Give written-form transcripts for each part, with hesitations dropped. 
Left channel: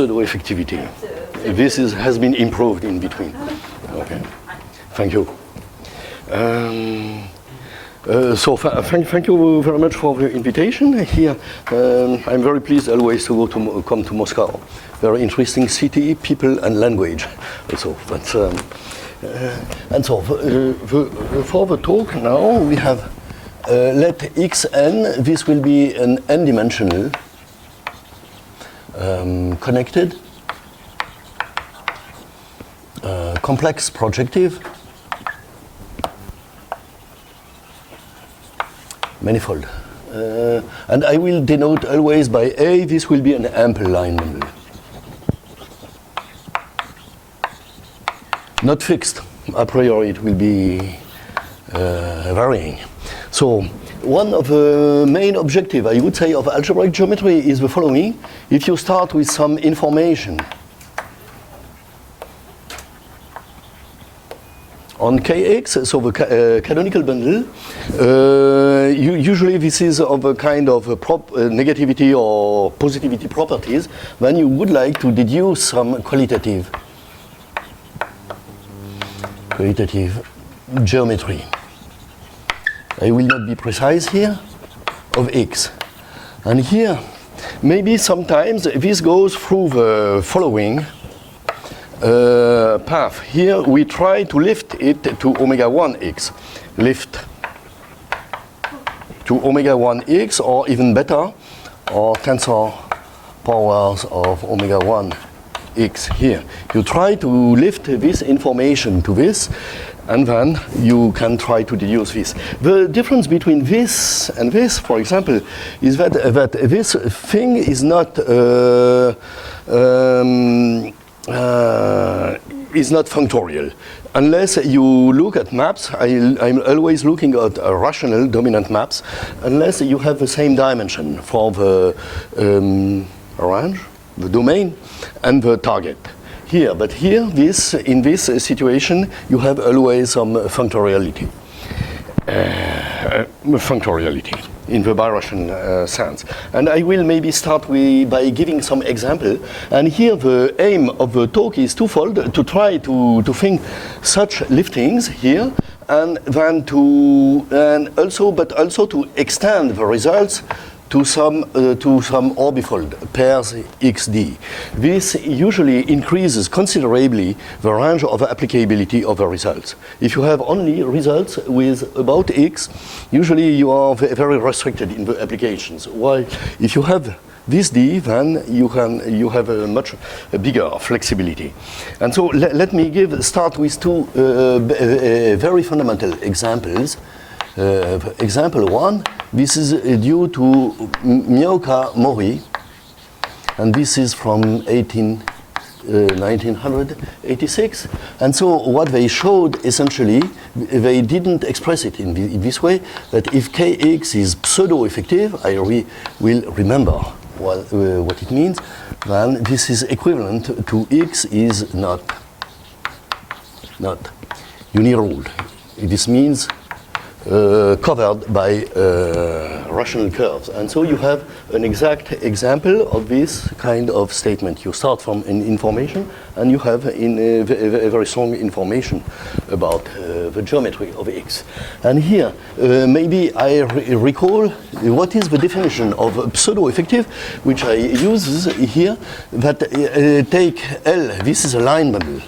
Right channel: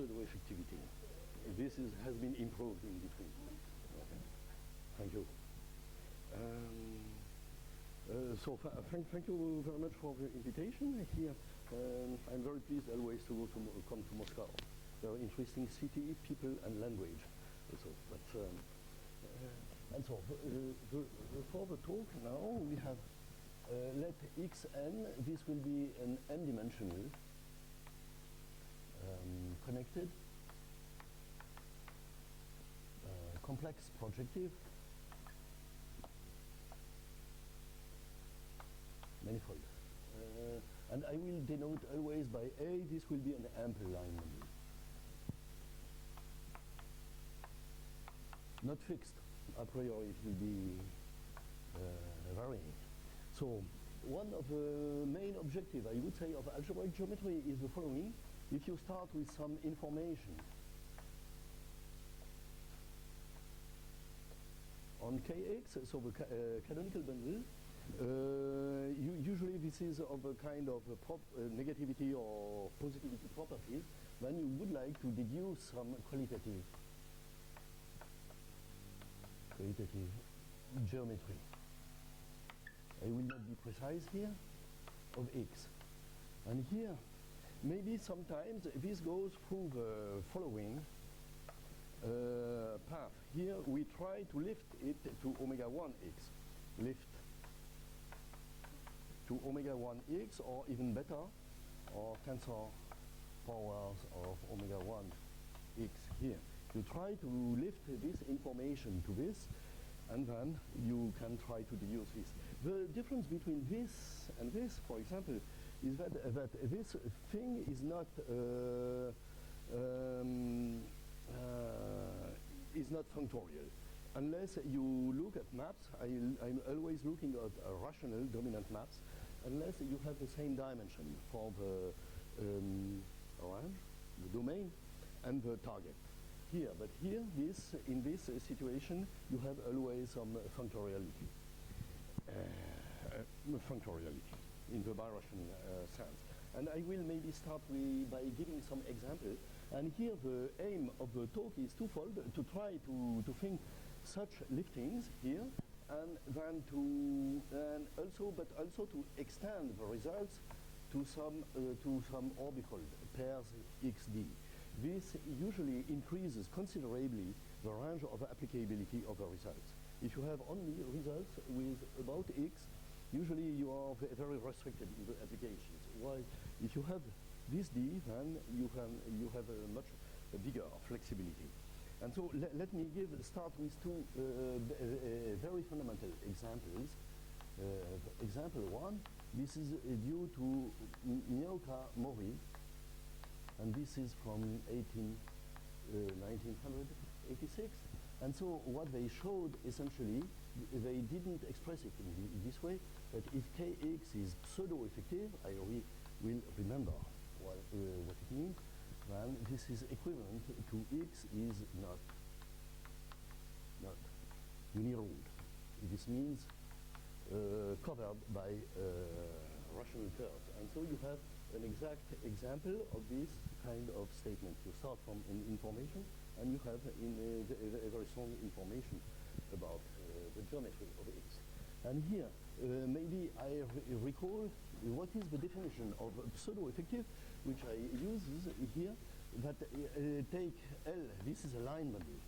pseudo-effectivity. This has been improved in between. Okay, thank you. So thank you very much for the invitation here. I'm very pleased always to come to Moscow. Very interesting city, people, and language. So that's and so for the talk now we have let xn. This will be an n-dimensional connected complex projective manifold. And I will denote always by A, this will be an ample line bundle. Not fixed. A priori it will be varying. So one of the main objectives, I would say, of algebraic geometry is the following. If you start with some information on Kx, so the canonical bundle, usually this is of a kind of a negativity or positivity properties, then you would like to deduce some qualitative geometry. I will not be precise here, of X. And here, maybe sometimes this goes through the following path. Here we try to lift it to omega 1x. Lift to omega 1x, or even better, or tensor powers of omega 1x here. You try to lift this information to this, and then you can try to deduce this. The difference between this and this, for example, is that this thing is not functorial. Unless you look at maps, I'm always looking at rational dominant maps, unless you have the same dimension for the range, the domain, and the target. Here, but here, in this situation, you have always some functoriality. Functoriality in the birational sense. And I will maybe start by giving some example. And here the aim of the talk is twofold: to try to think such liftings here, and then but also to extend the results to some orbifold pairs xd. This usually increases considerably the range of applicability of the results. If you have only results with about x, usually you are very restricted in the applications. While if you have this d, then you have a much bigger flexibility. And so let me start with two very fundamental examples. Example one, this is due to Mioka Mori, and this is from 1986. And so what they showed, essentially, they didn't express it in this way, that if Kx is pseudo-effective, I will remember what it means, then this is equivalent to x is not uniruled. This means covered by rational curves. And so you have an exact example of this kind of statement. You start from an information, and you have a very strong information about the geometry of X. And here, maybe I recall what is the definition of pseudo-effective, which I use here, that take L, this is a line bundle.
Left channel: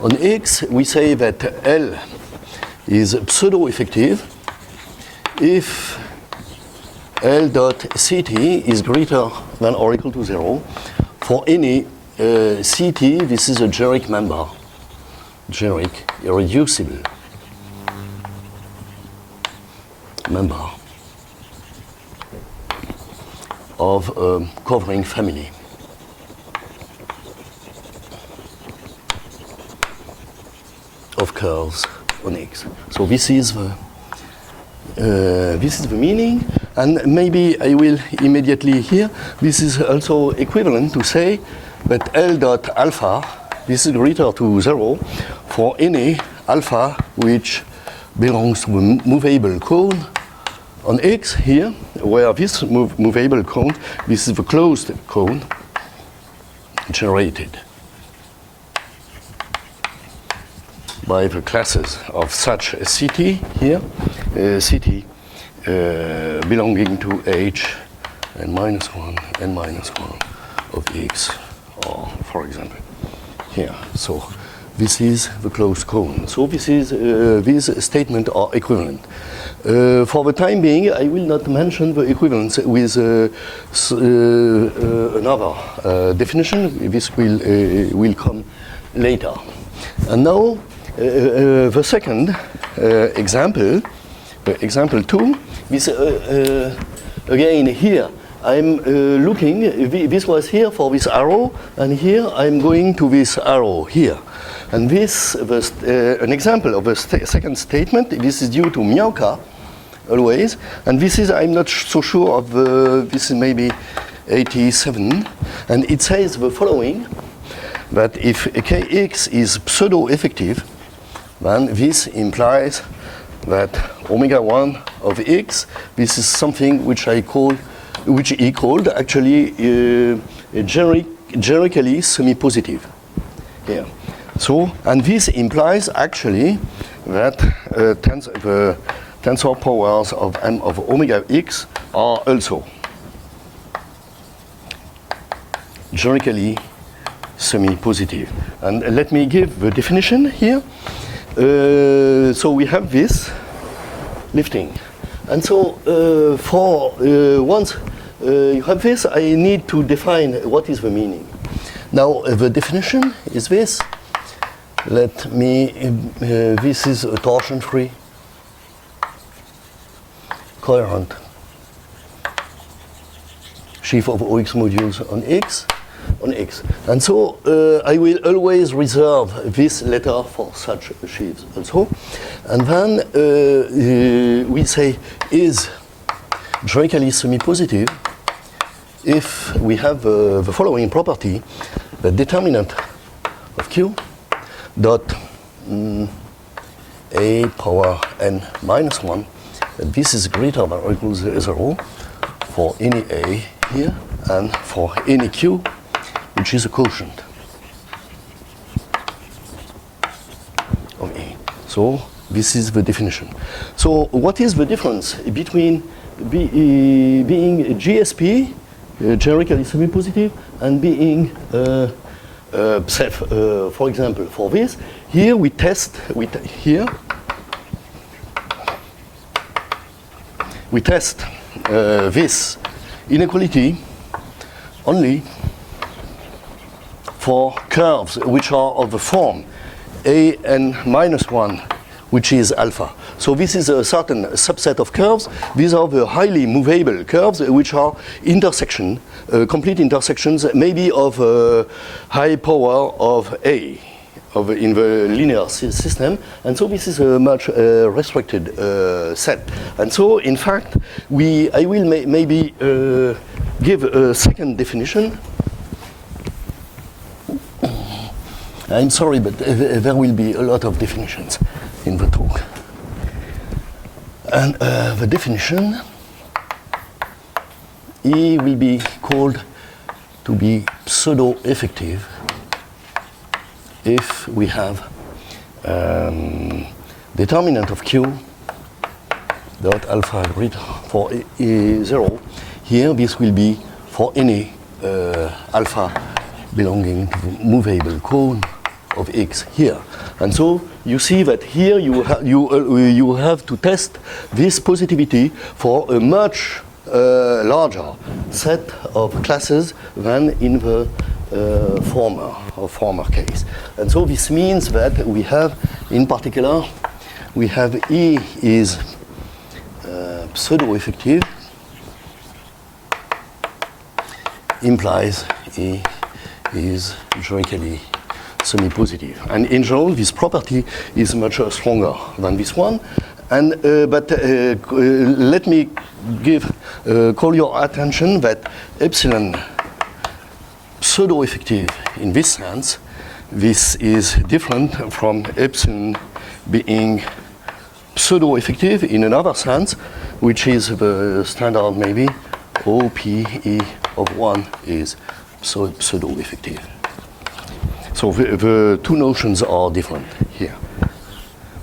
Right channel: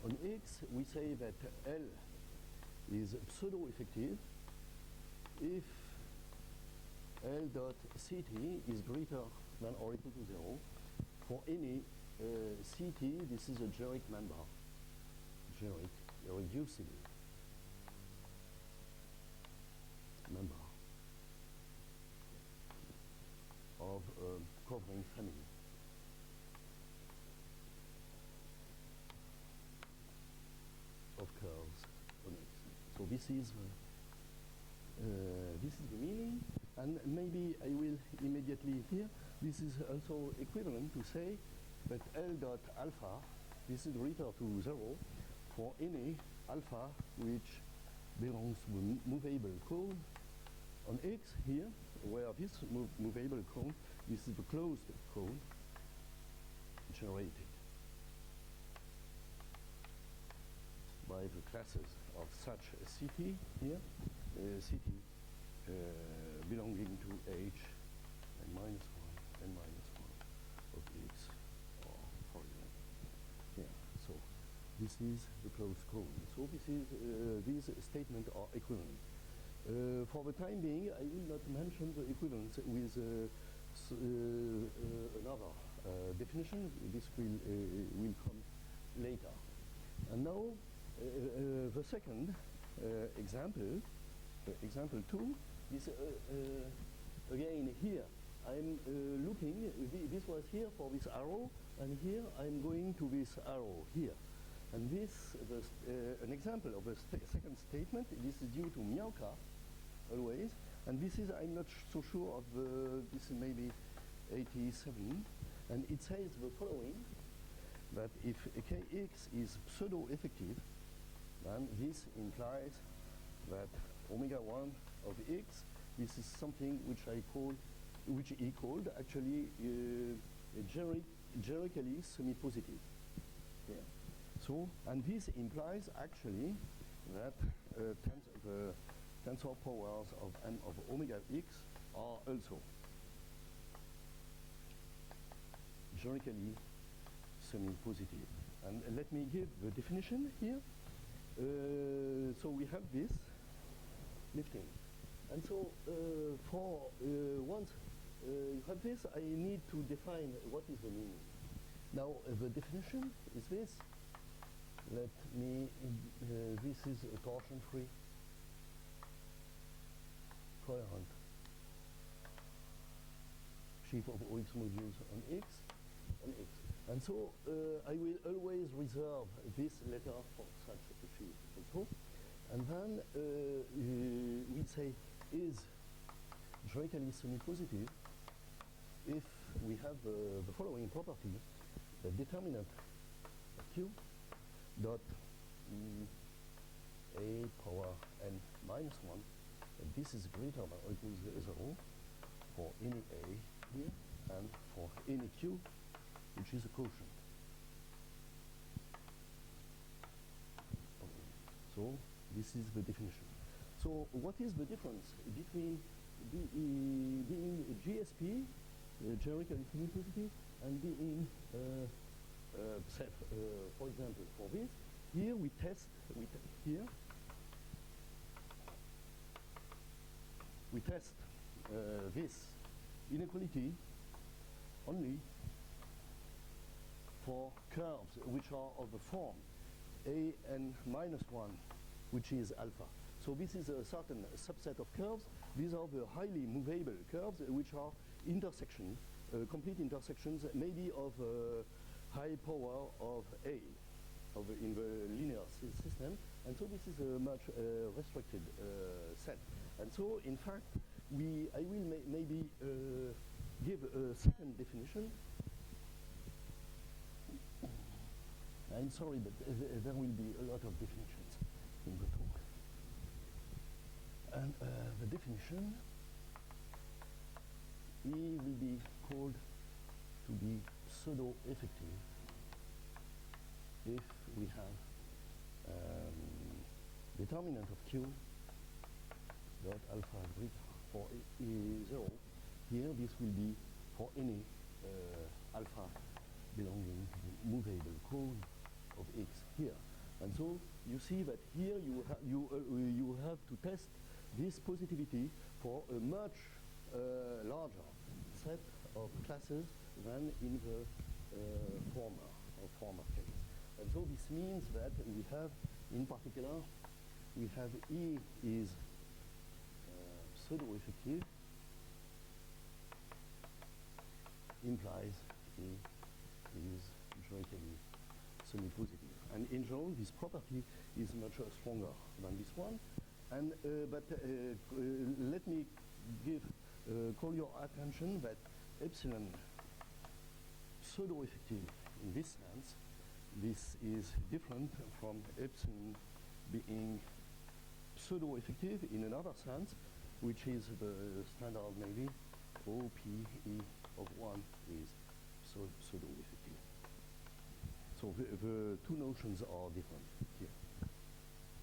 On X, we say that L is pseudo-effective if L dot Ct is greater than or equal to 0 for any Ct. This is a generic member, generic irreducible member of a covering family. Of curves on X. So this is the meaning, and maybe I will immediately here. This is also equivalent to say that L dot alpha, this is greater to 0 for any alpha which belongs to a movable cone on X here, where this movable cone, this is the closed cone, generated by the classes of such a CT here, CT belonging to H n minus 1 of X, or for example here. So this is the closed cone. So this is these statements are equivalent. For the time being, I will not mention the equivalence with another definition. This will come later. And now the second example, example 2. This again here. I'm looking. This was here for this arrow, and here I'm going to this arrow here. And this was an example of a second statement. This is due to Miałka, always. And this is, I'm not so sure of, this is maybe 87. And it says the following, that if Kx is pseudo-effective, then this implies that omega 1 of X, this is something which he called actually generically semi-positive here. So, and this implies actually that the tensor powers of M of omega X are also generically semi-positive. And let me give the definition here. So we have this lifting. And so once you have this, I need to define what is the meaning. Now the definition is this. Let me, this is a torsion-free coherent sheaf of OX modules on X. And so I will always reserve this letter for such sheaves also. And then we say is generically semi-positive if we have the following property: the determinant of Q dot a power n minus 1, and this is greater than or equals 0 for any a here and for any q, which is a quotient of A. So this is the definition. So what is the difference between being GSP, generically semi-positive, and being for example, for this, here we test, this inequality only for curves which are of the form an minus 1, which is alpha. So this is a certain subset of curves. These are the highly movable curves, which are complete intersections, maybe of high power of A, in the linear system. And so this is a much restricted set. And so, in fact, I will maybe give a second definition. I'm sorry, but there will be a lot of definitions in the talk. And the definition, E will be called to be pseudo-effective if we have determinant of Q dot alpha greater for 0. Here, this will be for any alpha belonging to the movable cone of X here. And so you see that here you have to test this positivity for a much larger set of classes than in the former case. And so this means that we have, in particular, we have E is pseudo-effective, implies E is generically semi-positive. And in general, this property is much stronger than this one. And but let me call your attention that epsilon pseudo-effective in this sense, this is different from epsilon being pseudo-effective in another sense, which is the standard maybe OPE of 1 is pseudo-effective. So the two notions are different here.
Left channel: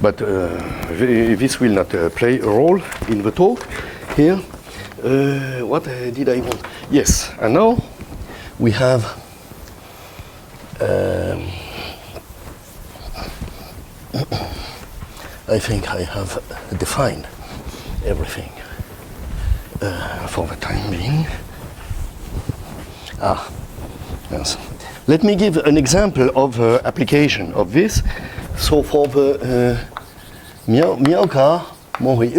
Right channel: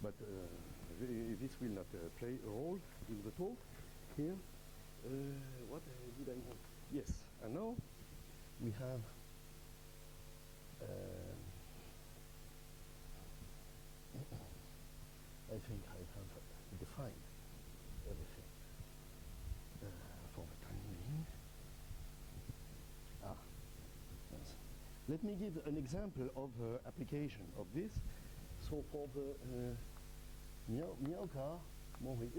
But this will not play a role in the talk here. What did I want? Yes, and now we have I think I have defined everything for the time being. Yes. Let me give an example of application of this. So for the Miaoka Mori,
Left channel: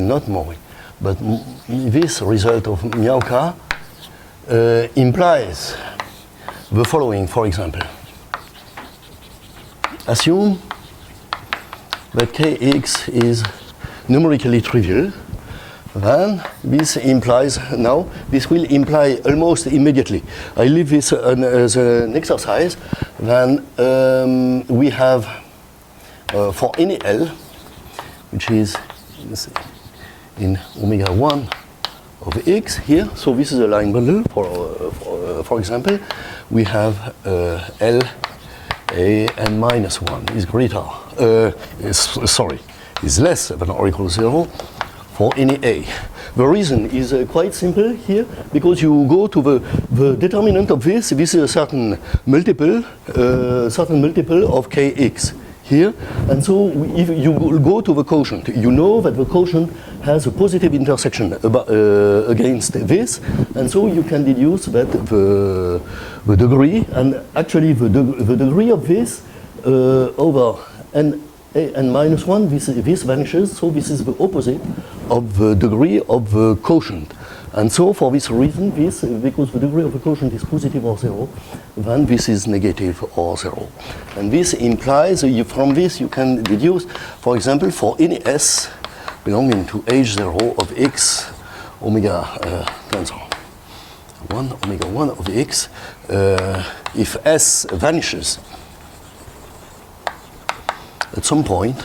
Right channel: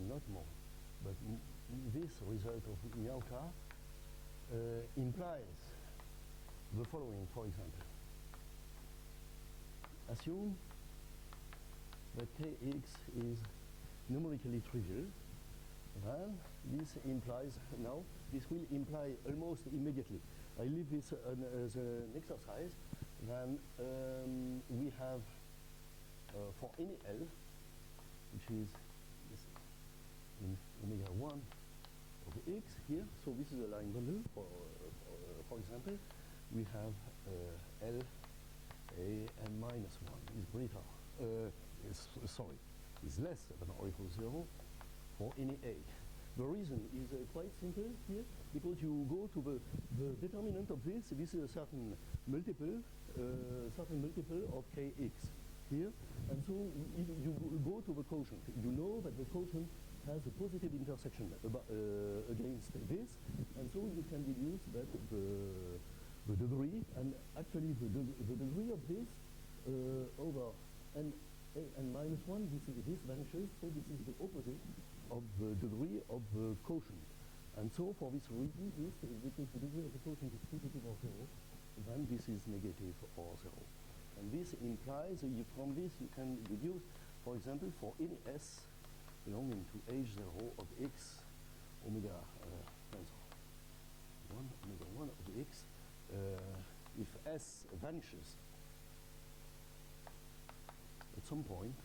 not Mori, but this result of Miaoka implies the following, for example. Assume that Kx is numerically trivial, then this implies, now this will imply almost immediately. I leave this as an exercise. Then we have for any L, which is in omega 1 of x here, so this is a line bundle for example, we have L a n minus 1 is greater, is less than or equal to 0 for any a. The reason is quite simple here, because you go to the determinant of this is a certain multiple of kx here, and so if you go to the quotient, you know that the quotient has a positive intersection against this, and so you can deduce that the degree, and actually the degree of this over n minus 1, this vanishes, so this is the opposite of the degree of the quotient. And so for this reason, because the degree of the quotient is positive or 0, then this is negative or 0. And this implies, from this you can deduce, for example, for any s belonging to h0 of x omega tensor 1 omega 1 of x, if s vanishes at some point,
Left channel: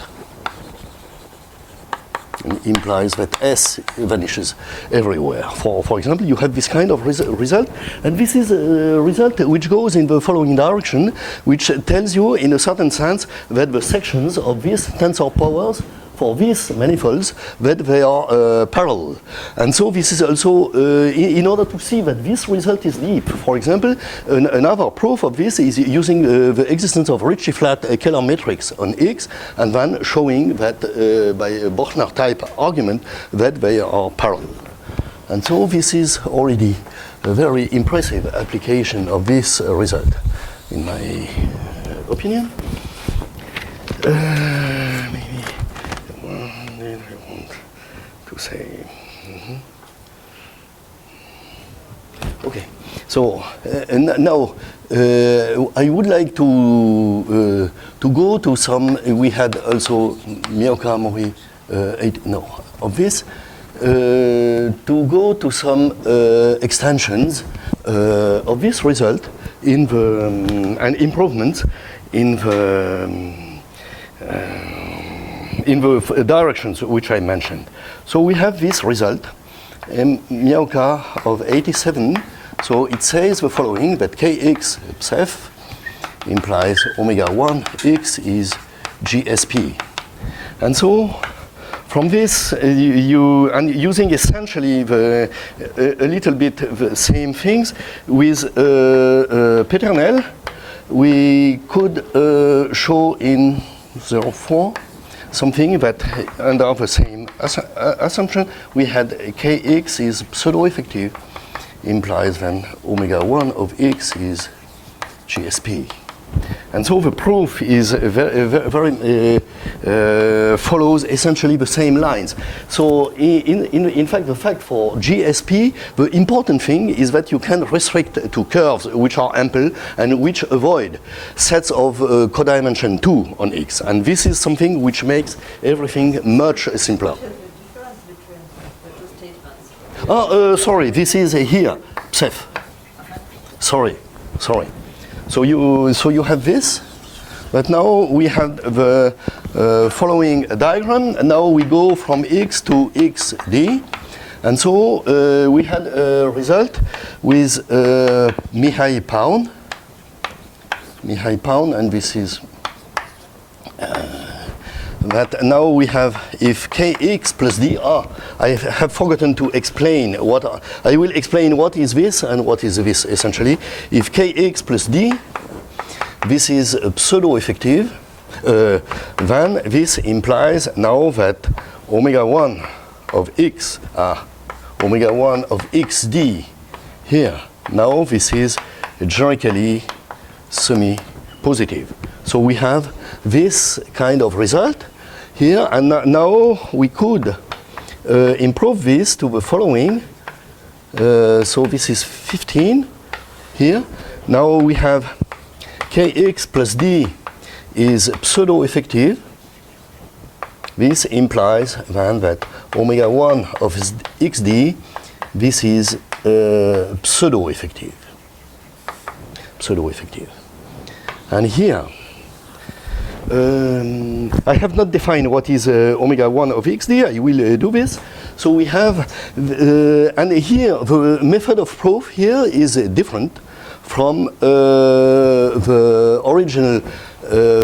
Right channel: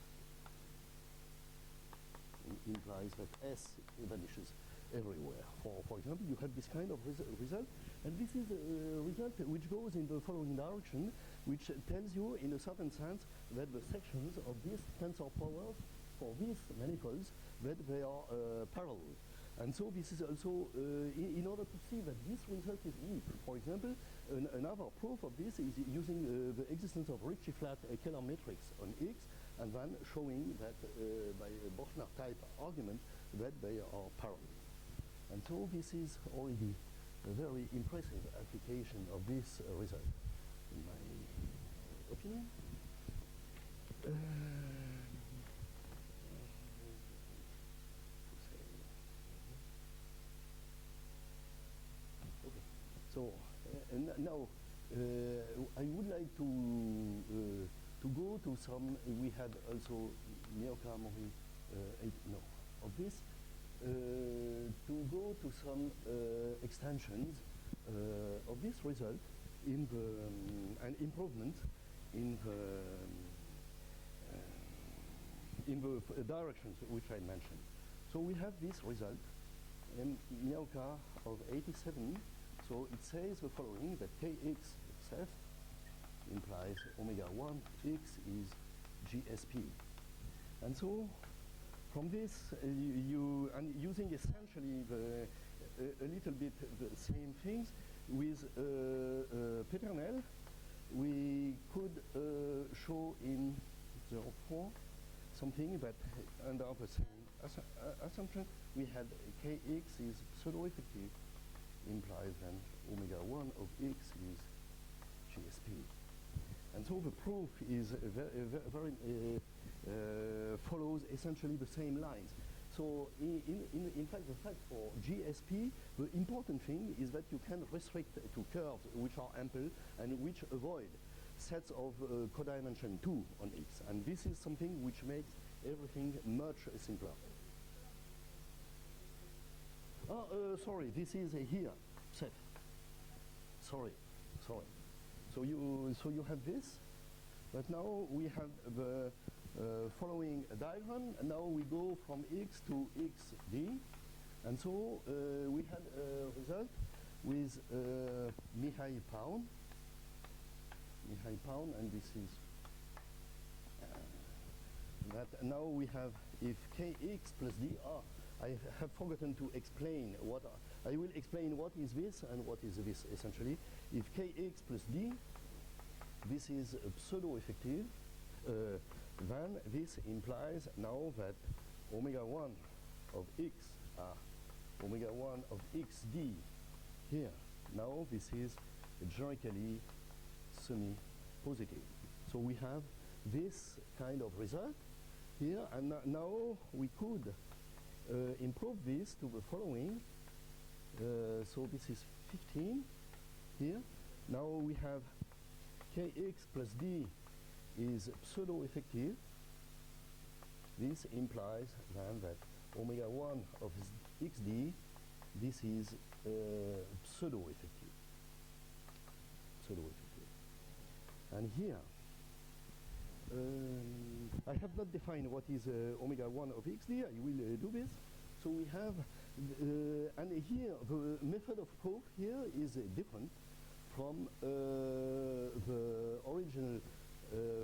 implies that S vanishes everywhere. For example, you have this kind of result, and this is a result which goes in the following direction, which tells you in a certain sense that the sections of these tensor powers for these manifolds, that they are parallel. And so this is also, in order to see that this result is deep, for example, another proof of this is using the existence of Ricci flat Kähler matrix on X, and then showing that by a Bochner type argument that they are parallel. And so this is already a very impressive application of this result, in my opinion. Maybe I want to say, okay. So now I would like to go to some. We had also Miaoka Mori of this. To go to some extensions of this result in the and improvements in the directions which I mentioned. So we have this result, Miaoka of 87. So it says the following, that Kx psef implies omega 1 x is GSP. And so from this, using essentially a little bit the same things with Peternel, we could show in 04 something that under the same assumption, we had Kx is pseudo-effective, implies then omega 1 of x is GSP. And so the proof is follows essentially the same lines. So in fact, the fact for GSP, the important thing is that you can restrict to curves which are ample and which avoid sets of codimension 2 on X. And this is something which makes everything much simpler. Sorry, this is here, psef. Sorry. So you have this, but now we have the following diagram, and now we go from x to xd, And so we had a result with Mihai Paun, and this is that now we have if kx plus d. I have forgotten to explain what I will explain what is this and what is this essentially. If kx plus d, this is pseudo-effective, then this implies now that omega 1 of x, omega 1 of xd here, now this is generically semi-positive. So we have this kind of result here, and now we could improve this to the following. So this is 15 here. Now we have kx plus d is pseudo-effective. This implies then that omega 1 of xd, this is pseudo-effective. And here, I have not defined what is omega 1 of xd. I will do this. So we have, and here the method of proof here is different from the original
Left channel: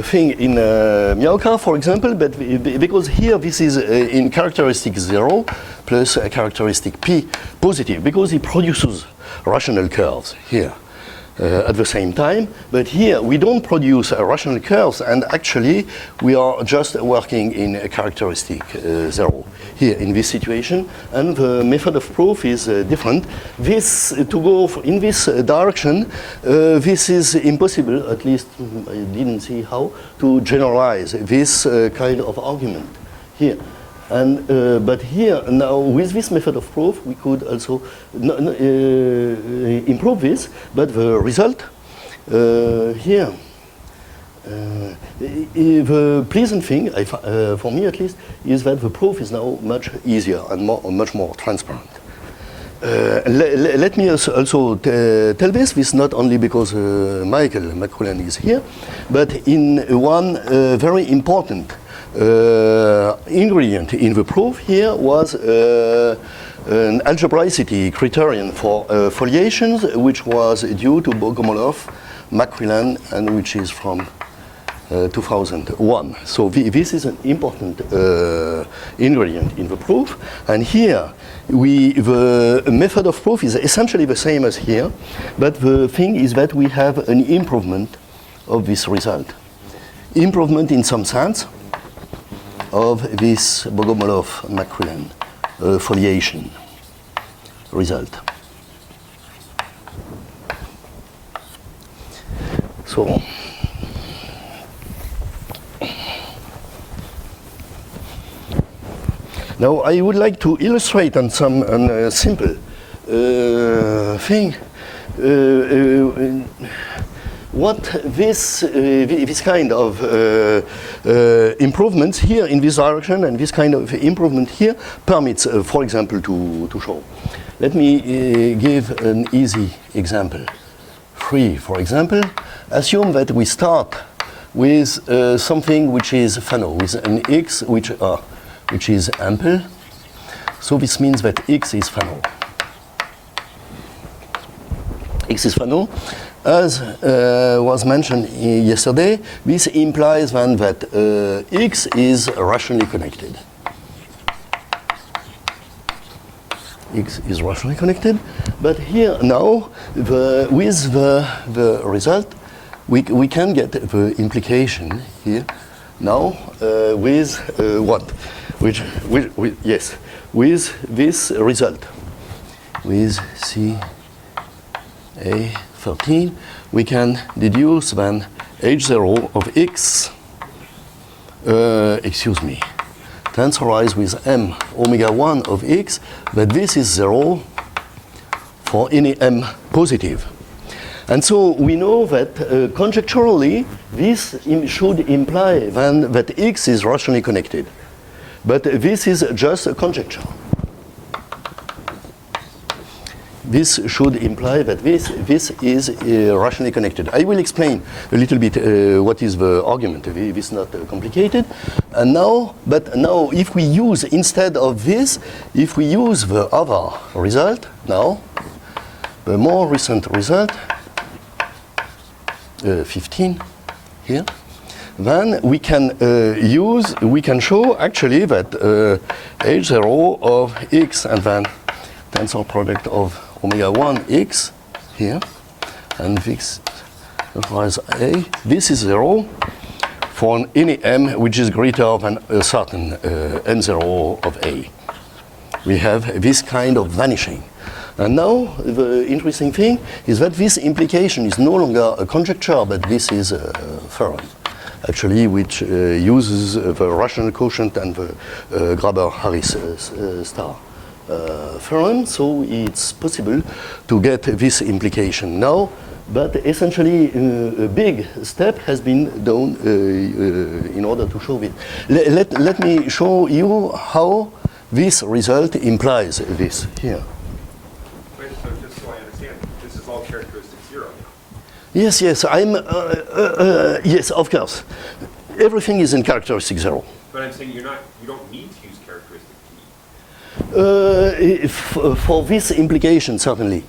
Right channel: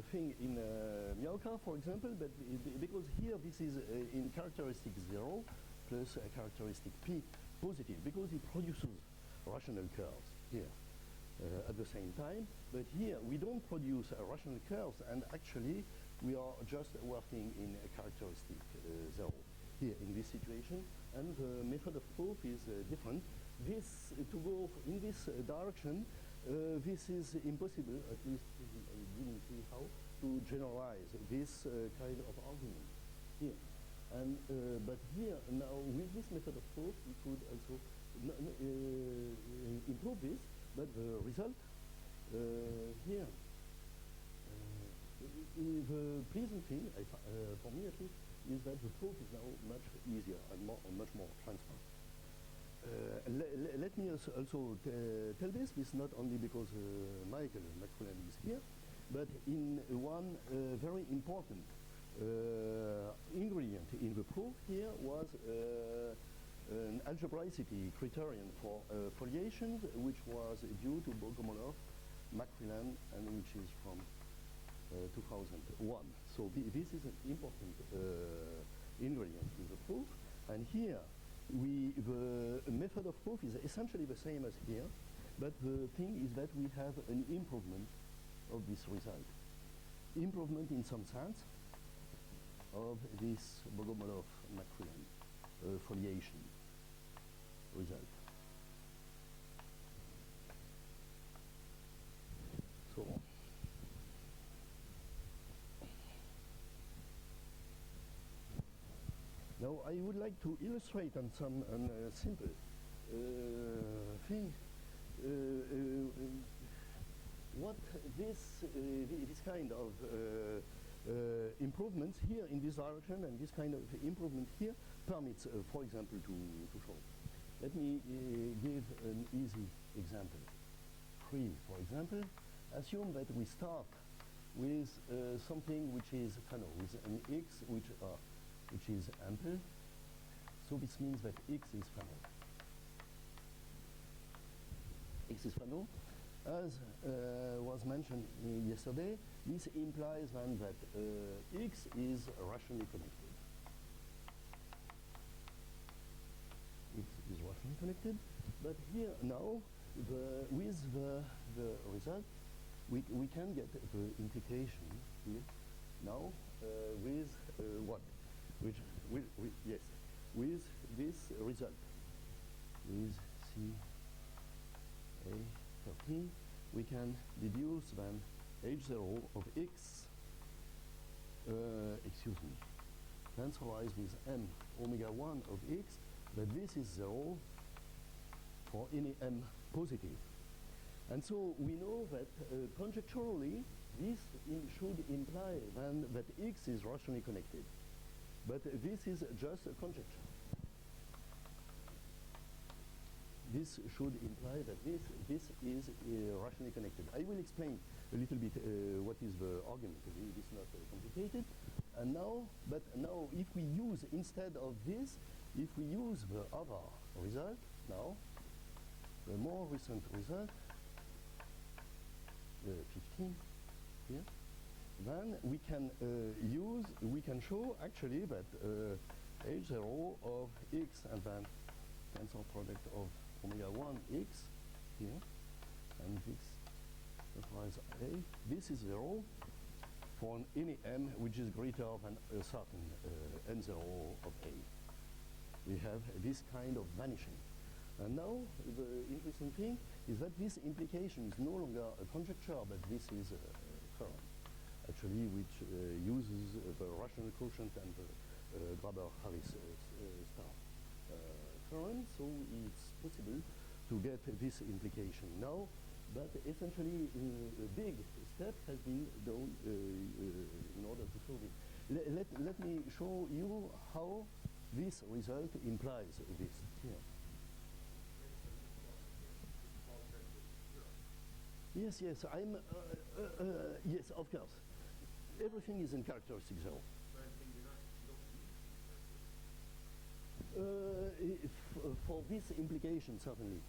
thing in Miałka, for example, but because here this is in characteristic 0 plus a characteristic p positive, because it produces rational curves here. At the same time, but here we don't produce rational curves, and actually we are just working in a characteristic 0 here in this situation, and the method of proof is different. This, to go in this direction, this is impossible, at least I didn't see how, to generalize this kind of argument here. And, but here, now, with this method of proof, we could also improve this, but the result here, the pleasant thing, for me at least, is that the proof is now much easier and much more transparent. Let me also tell this not only because Michael Macquillan is here, but in one very important ingredient in the proof here was an algebraicity criterion for foliations, which was due to Bogomolov, Macquillan, and which is from 2001. So this is an important ingredient in the proof. And here, the method of proof is essentially the same as here, but the thing is that we have an improvement of this result. Improvement in some sense of this Bogomolov-Macquillan foliation result. So, now I would like to illustrate on some simple thing what this kind of improvements here in this direction and this kind of improvement here permits, for example, to show. Let me give an easy example. 3, for example. Assume that we start with something which is Fano, with an x which is ample. So this means that x is Fano. X is Fano. As was mentioned yesterday, this implies then that x is rationally connected. X is rationally connected, but here now, with the result, we can get the implication here now with what? Yes, with this result, with CA13, we can deduce then H0 of x, tensorize with m omega 1 of x, that this is 0 for any m positive. And so we know that conjecturally, this should imply then that x is rationally connected. But this is just a conjecture. this should imply that this is rationally connected. I will explain a little bit what is the argument. This is not complicated. And now, but now if we use, instead of this, if we use the other result, now, the more recent result, 15 here, then we can we can show actually that H0 of x and then tensor product of omega 1 x here, and this implies A. This is 0 for any m which is greater than a certain m0 of A. We have this kind of vanishing. And now the interesting thing is that this implication is no longer a conjecture, but this is a theorem, actually, which uses the rational quotient and the Graber-Harris star theorem. So it's possible to get this implication now, but essentially a big step has been done in order to show it. Let me show you how this result implies this here. Wait, so just so I understand, this is all characteristic 0 now? Yes, yes, yes, of course. Everything is in characteristic 0. But I'm saying you don't need to use characteristic P. For this implication, certainly.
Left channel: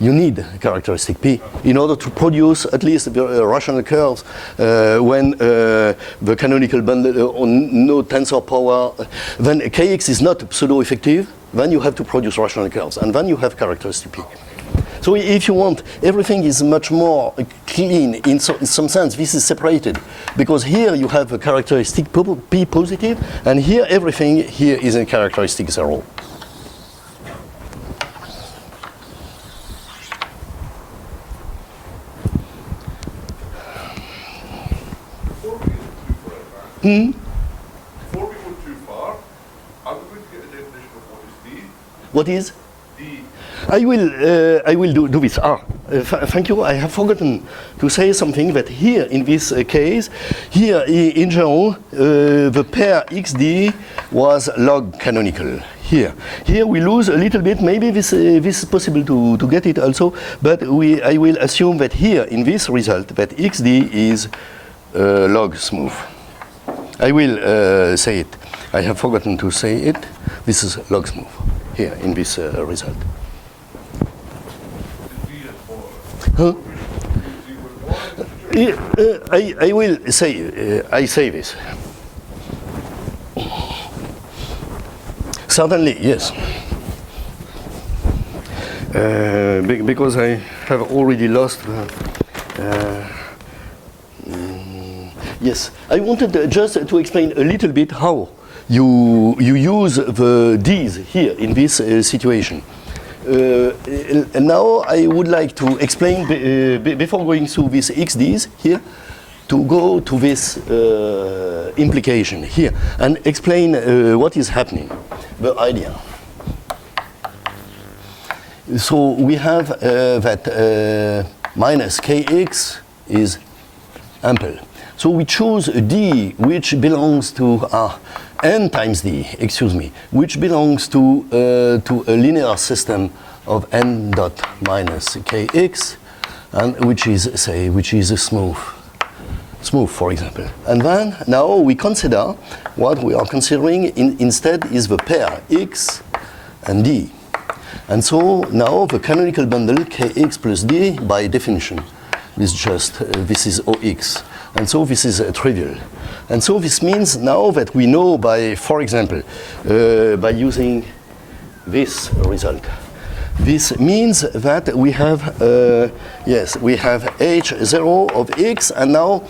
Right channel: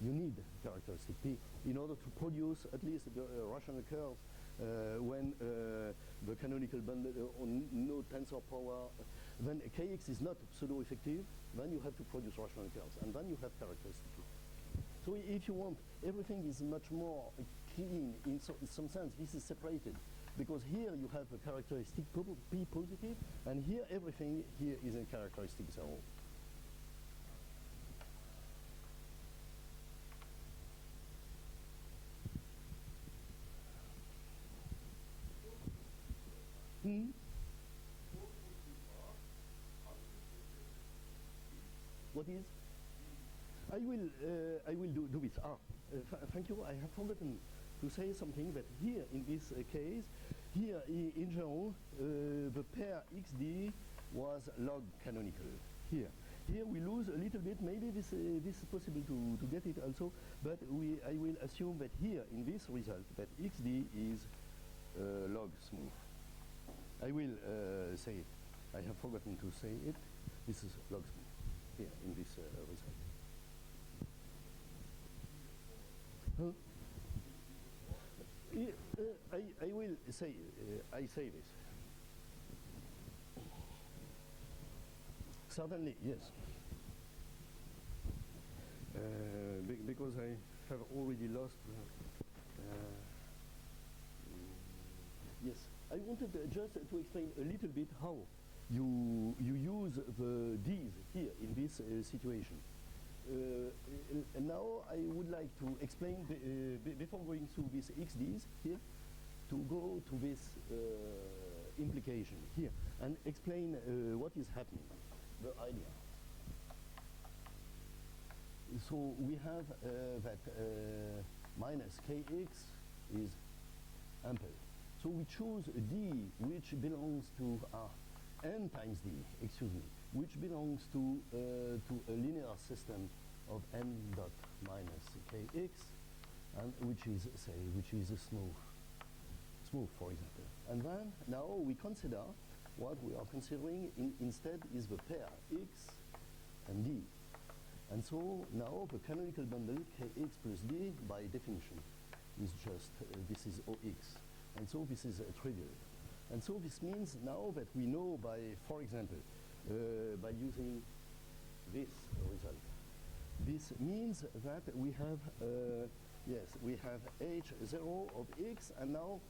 You need characteristic P in order to produce at least the rational curves when the canonical bundle on no tensor power, when Kx is not pseudo-effective, then you have to produce rational curves, and then you have characteristic P. So if you want, everything is much more clean in some sense. This is separated because here you have a characteristic P positive, and here everything here is in characteristic 0. Before we go too far, are we going to get a definition of what is D? What is? D. I will do this. Thank you. I have forgotten to say something that here in this case, here in general, the pair XD was log canonical. Here we lose a little bit. Maybe this is possible to get it also, but I will assume that here in this result that XD is log smooth. I will say it. I have forgotten to say it. This is log smooth here in this result. Huh? I will say, I say this. Certainly, yes. Because I have already lost yes, I wanted just to explain a little bit how you use the D's here in this situation. Now I would like to explain, before going through these XD's here, to go to this implication here and explain what is happening, the idea. So we have that minus Kx is ample. So we choose a D which belongs to n times D, excuse me, which belongs to a linear system of n dot minus Kx, and which is smooth, for example. And then now we consider what we are considering instead is the pair X and D. And so now the canonical bundle Kx plus D by definition is just this is OX. And so this is trivial. And so this means now that we know by, for example, by using this result. This means that we have, yes, we have H0 of X, and now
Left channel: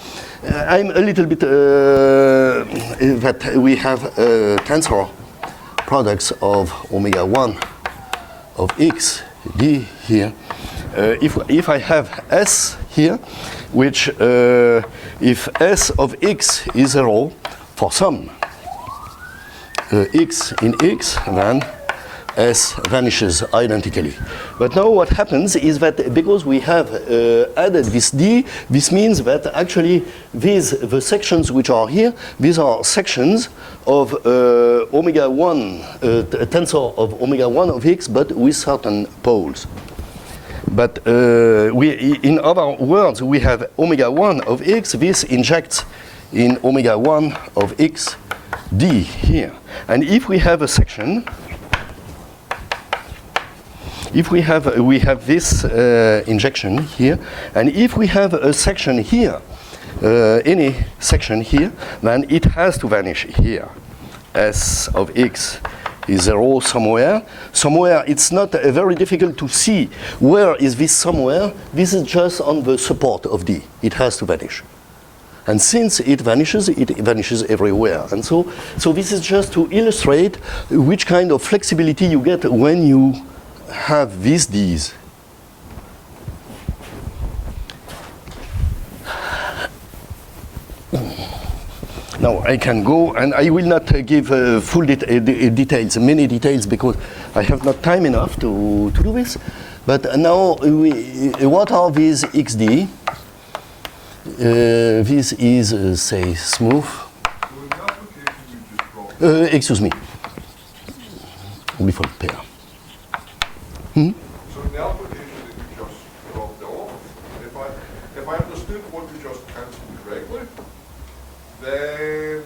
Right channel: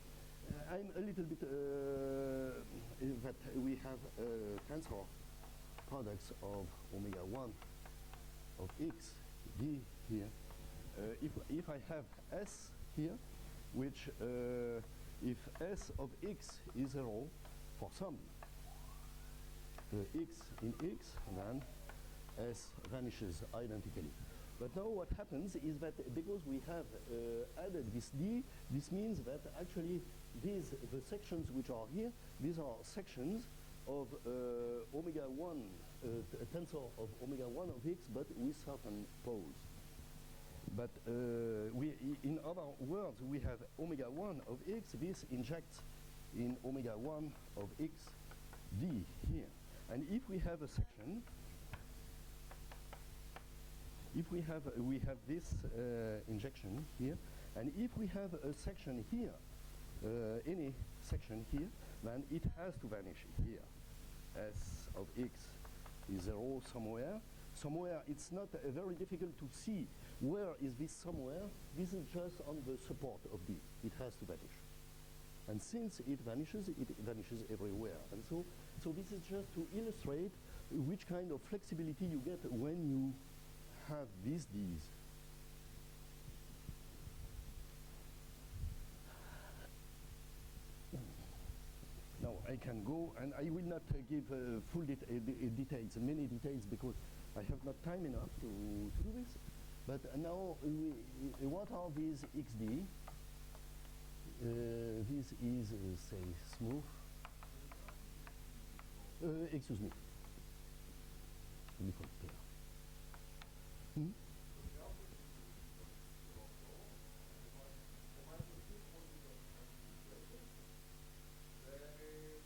I'm a little bit, that we have tensor products of omega 1 of X, D here. If I have S here, which if S of X is 0 for some X in X, then S vanishes identically. But now what happens is that because we have added this D, this means that actually the sections which are here, these are sections of omega 1, a tensor of omega 1 of X, but with certain poles. But in other words, we have omega 1 of X, this injects in omega 1 of X D here. And if we have a section, if we have this injection here, and if we have a section here, any section here, then it has to vanish here. S of X is 0 somewhere. Somewhere, it's not very difficult to see where is this somewhere. This is just on the support of D. It has to vanish. And since it vanishes everywhere. And so this is just to illustrate which kind of flexibility you get when you have these Ds. Now I can go, and I will not give full details, many details, because I have not time enough to do this. But now, what are these XD? This is, say, smooth. So in the application you just dropped, Excuse me. Orbifold pair. so in the application that you just dropped off, if I understood what you just cancelled correctly, then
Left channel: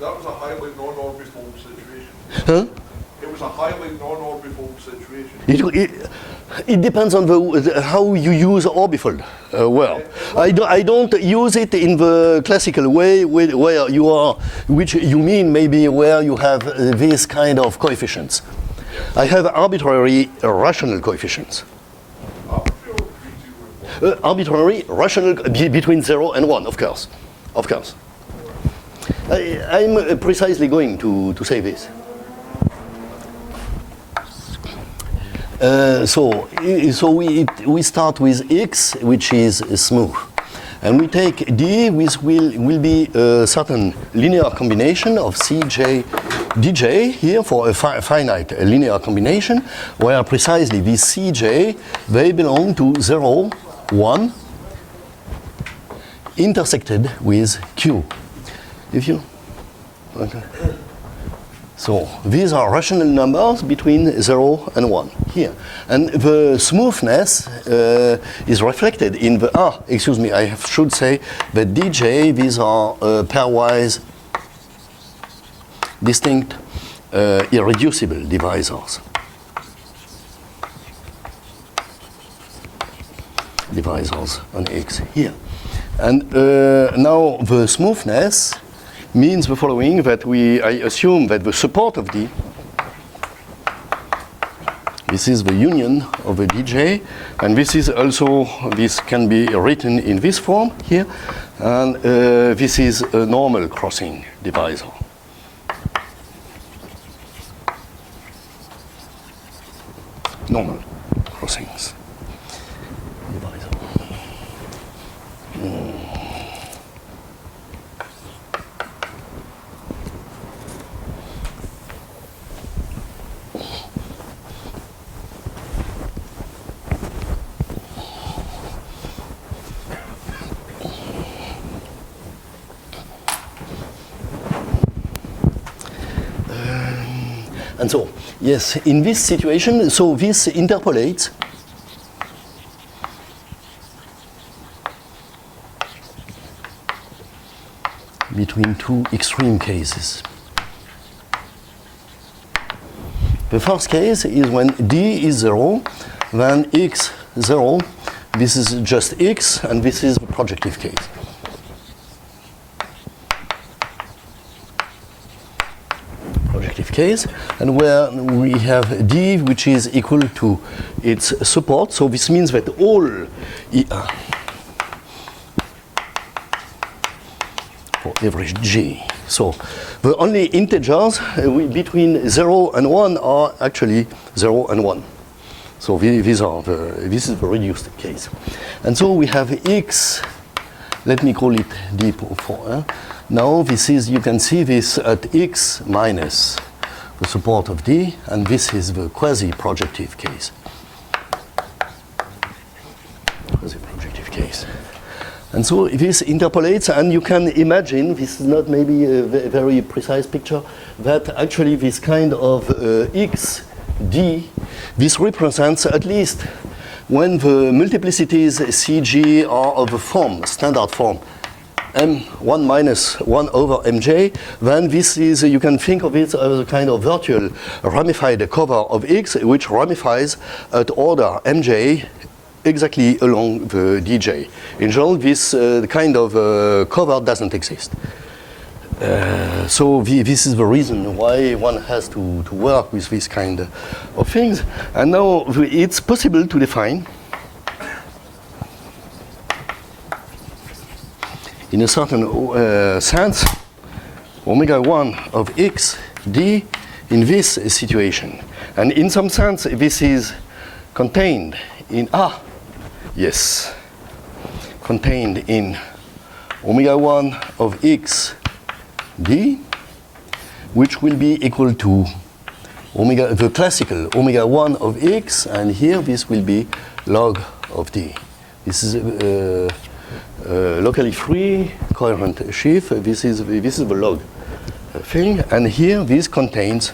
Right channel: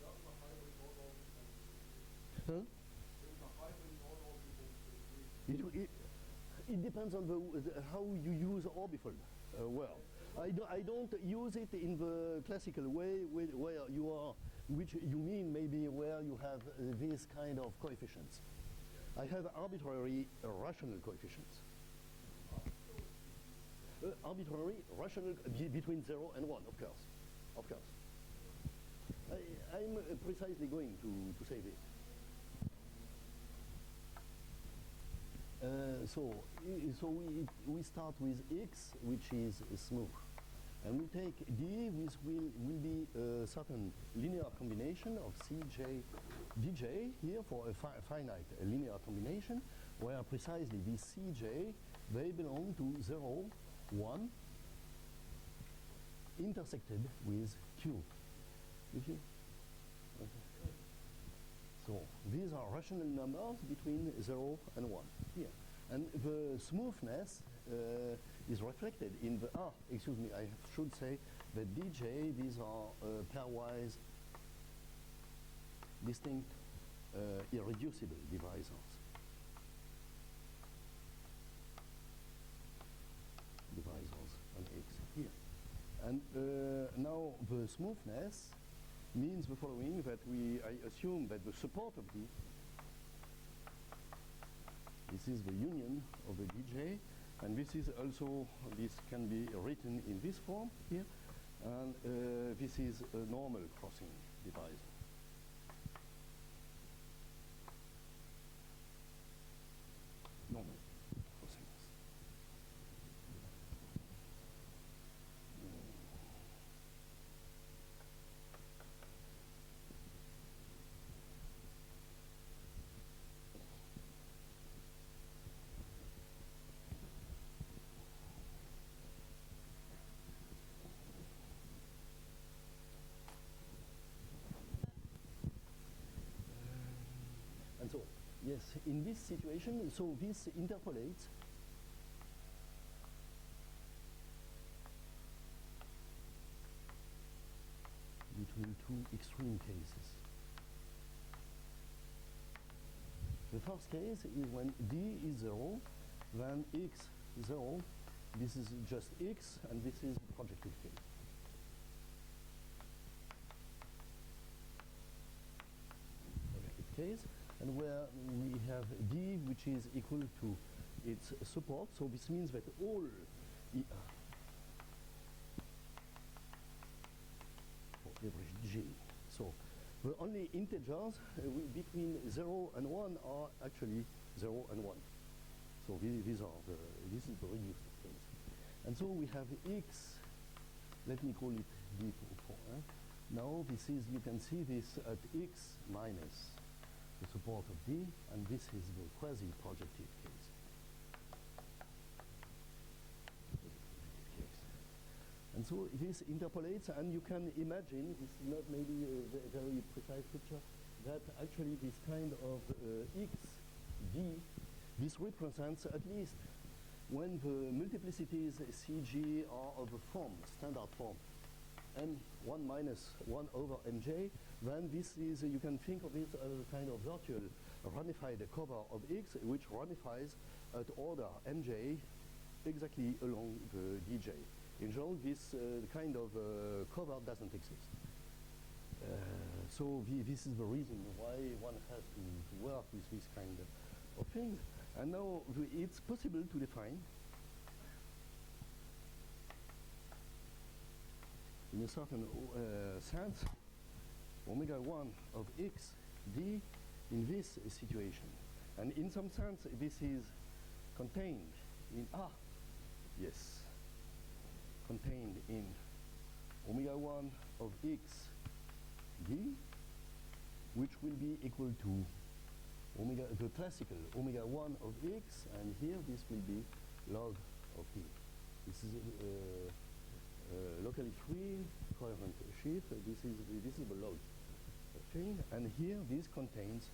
that was a highly non-orbifold situation. Huh? It was a highly non-orbifold situation. It depends on how you use orbifold. Well, I don't use it in the classical way where you are, which you mean maybe where you have this kind of coefficients. I have arbitrary rational coefficients. Arbitrary rational between 0 and 1, of course. Of course. I'm precisely going to say this. So we start with X, which is smooth. And we take D, which will be a certain linear combination of Cj, Dj here for a finite linear combination, where precisely these Cj, they belong to 0, 1, intersected with Q. If you, okay. So these are rational numbers between 0 and 1 here. And the smoothness is reflected in the, excuse me, I should say that Dj, these are pairwise distinct irreducible divisors. Divisors on X here. And now the smoothness means the following, that I assume that the support of D, this is the union of a Dj, and this is also, this can be written in this form here, and this is a normal crossing divisor. Normal crossings divisor. And so, yes, in this situation, so this interpolates between two extreme cases. The first case is when D is 0, then X 0, this is just X, and this is the projective case. Case, and where we have D, which is equal to its support. So this means that all for every G. So the only integers between 0 and 1 are actually 0 and 1. So this is the reduced case. And so we have X, let me call it D for. Now this is, you can see this at X minus the support of D, and this is the quasi-projective case. Quasi-projective case. And so this interpolates, and you can imagine, this is not maybe a very precise picture, that actually this kind of x, d, this represents at least when the multiplicities CG are of a form, standard form, m1 minus 1 over mj, then this is, you can think of it as a kind of virtual ramified cover of x, which ramifies at order mj exactly along the dj. In general, this kind of cover doesn't exist. So this is the reason why one has to work with this kind of things. And now it's possible to define in a certain sense omega 1 of x d in this situation. And in some sense this is contained in yes, contained in omega 1 of x d, which will be equal to omega, the classical omega 1 of x, and here this will be log of d. This is locally free coherent sheaf. This is the log thing, and here this contains,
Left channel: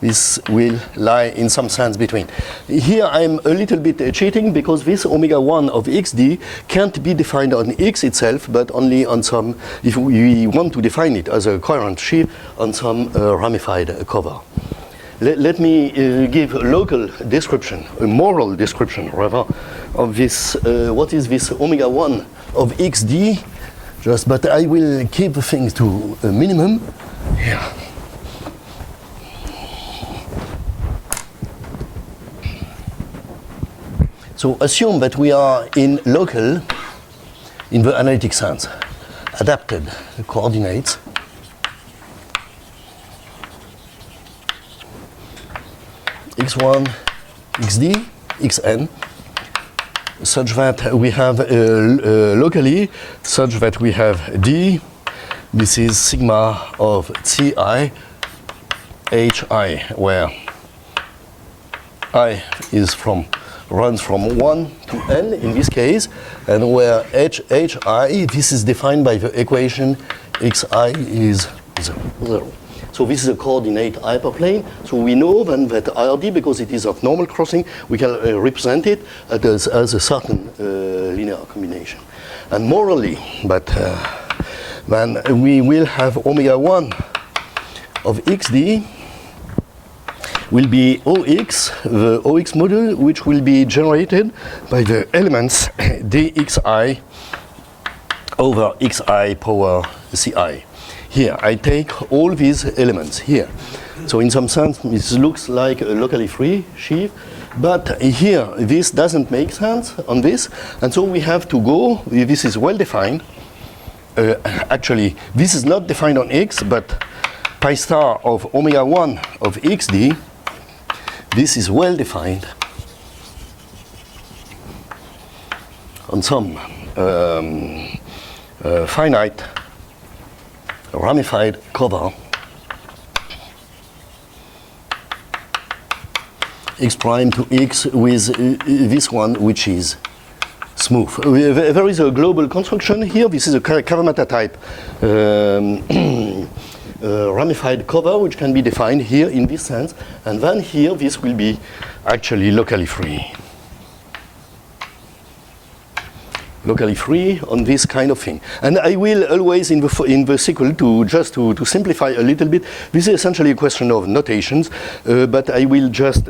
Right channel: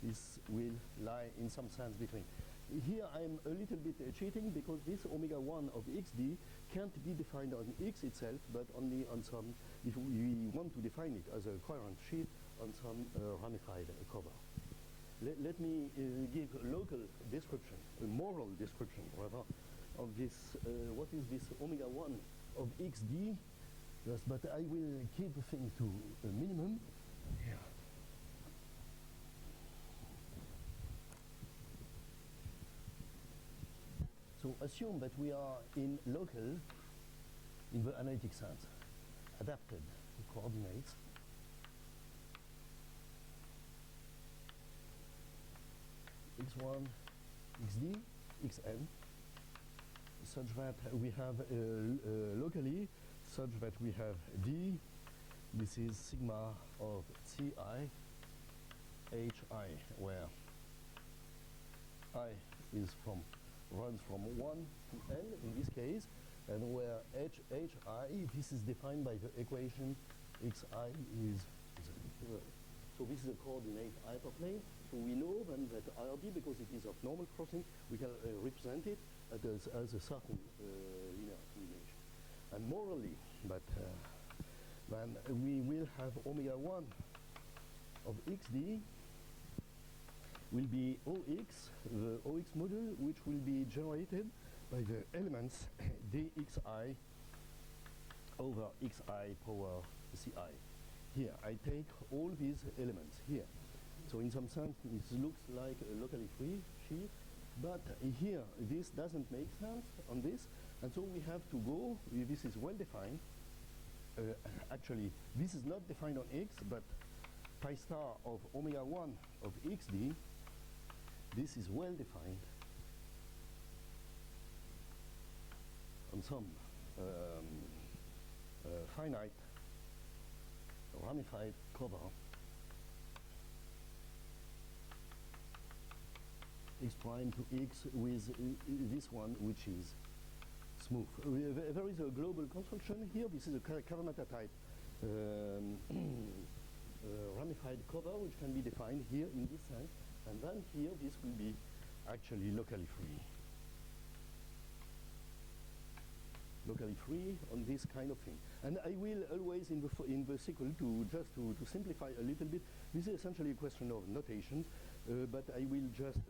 this will lie in some sense between. Here I'm a little bit cheating because this omega 1 of xd can't be defined on x itself, but only on some, if we want to define it as a coherent sheaf, on some ramified cover. Let me give a local description, a moral description rather, of this, what is this omega 1 of xd, just, but I will keep things to a minimum here. So assume that we are in local, in the analytic sense, adapted coordinates. x1, xd, xn, such that we have locally, such that we have d, this is sigma of ci, hi, where I is runs from 1 to n in this case, and where hi, this is defined by the equation xi is 0. So this is a coordinate hyperplane. So we know then that RD, because it is of normal crossing, we can represent it as a certain linear combination. And morally, but then we will have omega 1 of xd will be OX, the OX module, which will be generated by the elements dxi over xi power ci. Here, I take all these elements here. So in some sense, this looks like a locally free sheaf, but here, this doesn't make sense on this, and so we have to go, this is well defined. Actually, this is not defined on x, but pi star of omega 1 of xd, this is well defined on some finite ramified cover x prime to x with this one, which is smooth. There is a global construction here. This is a Kawamata type ramified cover, which can be defined here in this sense, and then here this will be actually locally free. Locally free on this kind of thing. And I will always in the sequel to simplify a little bit. This is essentially a question of notations, but I will just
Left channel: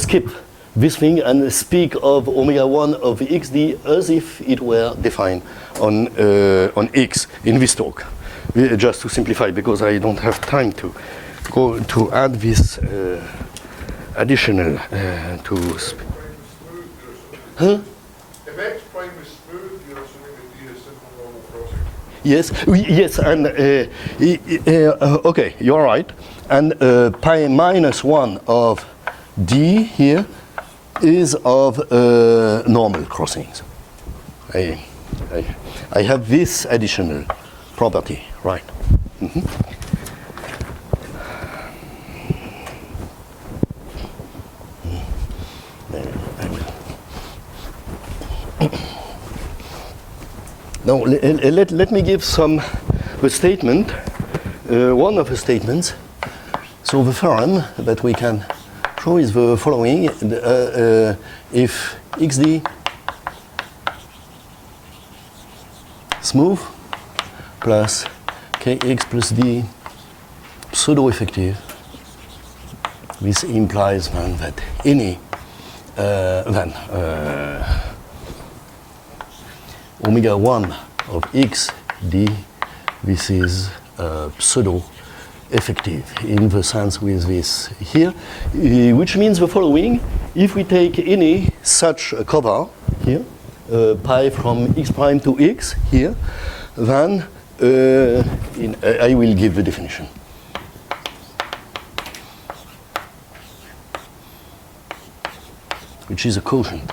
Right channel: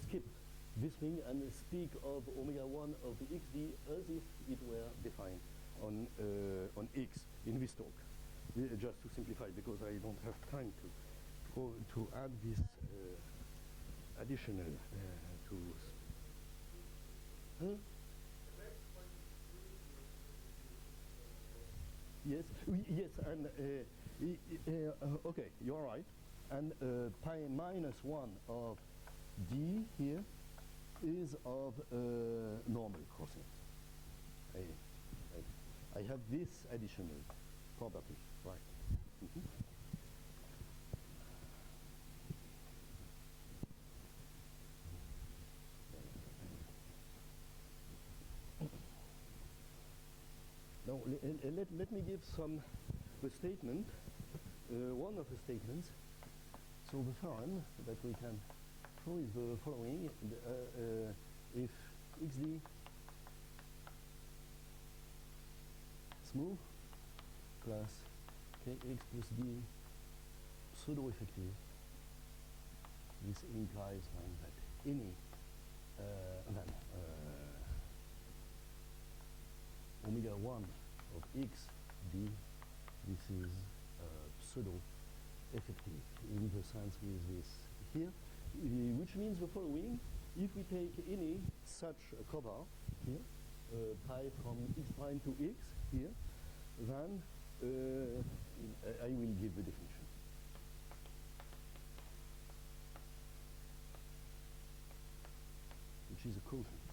skip this thing and speak of omega 1 of xd as if it were defined on x in this talk. Just to simplify, because I don't have time to go to add this additional to. Huh? If x prime is smooth, you're assuming that d is simple normal crossing. Yes, yes, and okay, you're right. And pi minus 1 of d here is of normal crossings. I have this additional property, right? Mm-hmm. Now, let me give a statement, one of the statements. So the theorem that we can show is the following. If xd smooth plus kx plus d pseudo-effective, this implies then that any omega 1 of x d, this is pseudo-effective in the sense with this here, which means the following. If we take any such a cover here, pi from x prime to x here, then I will give the definition. Which is a quotient.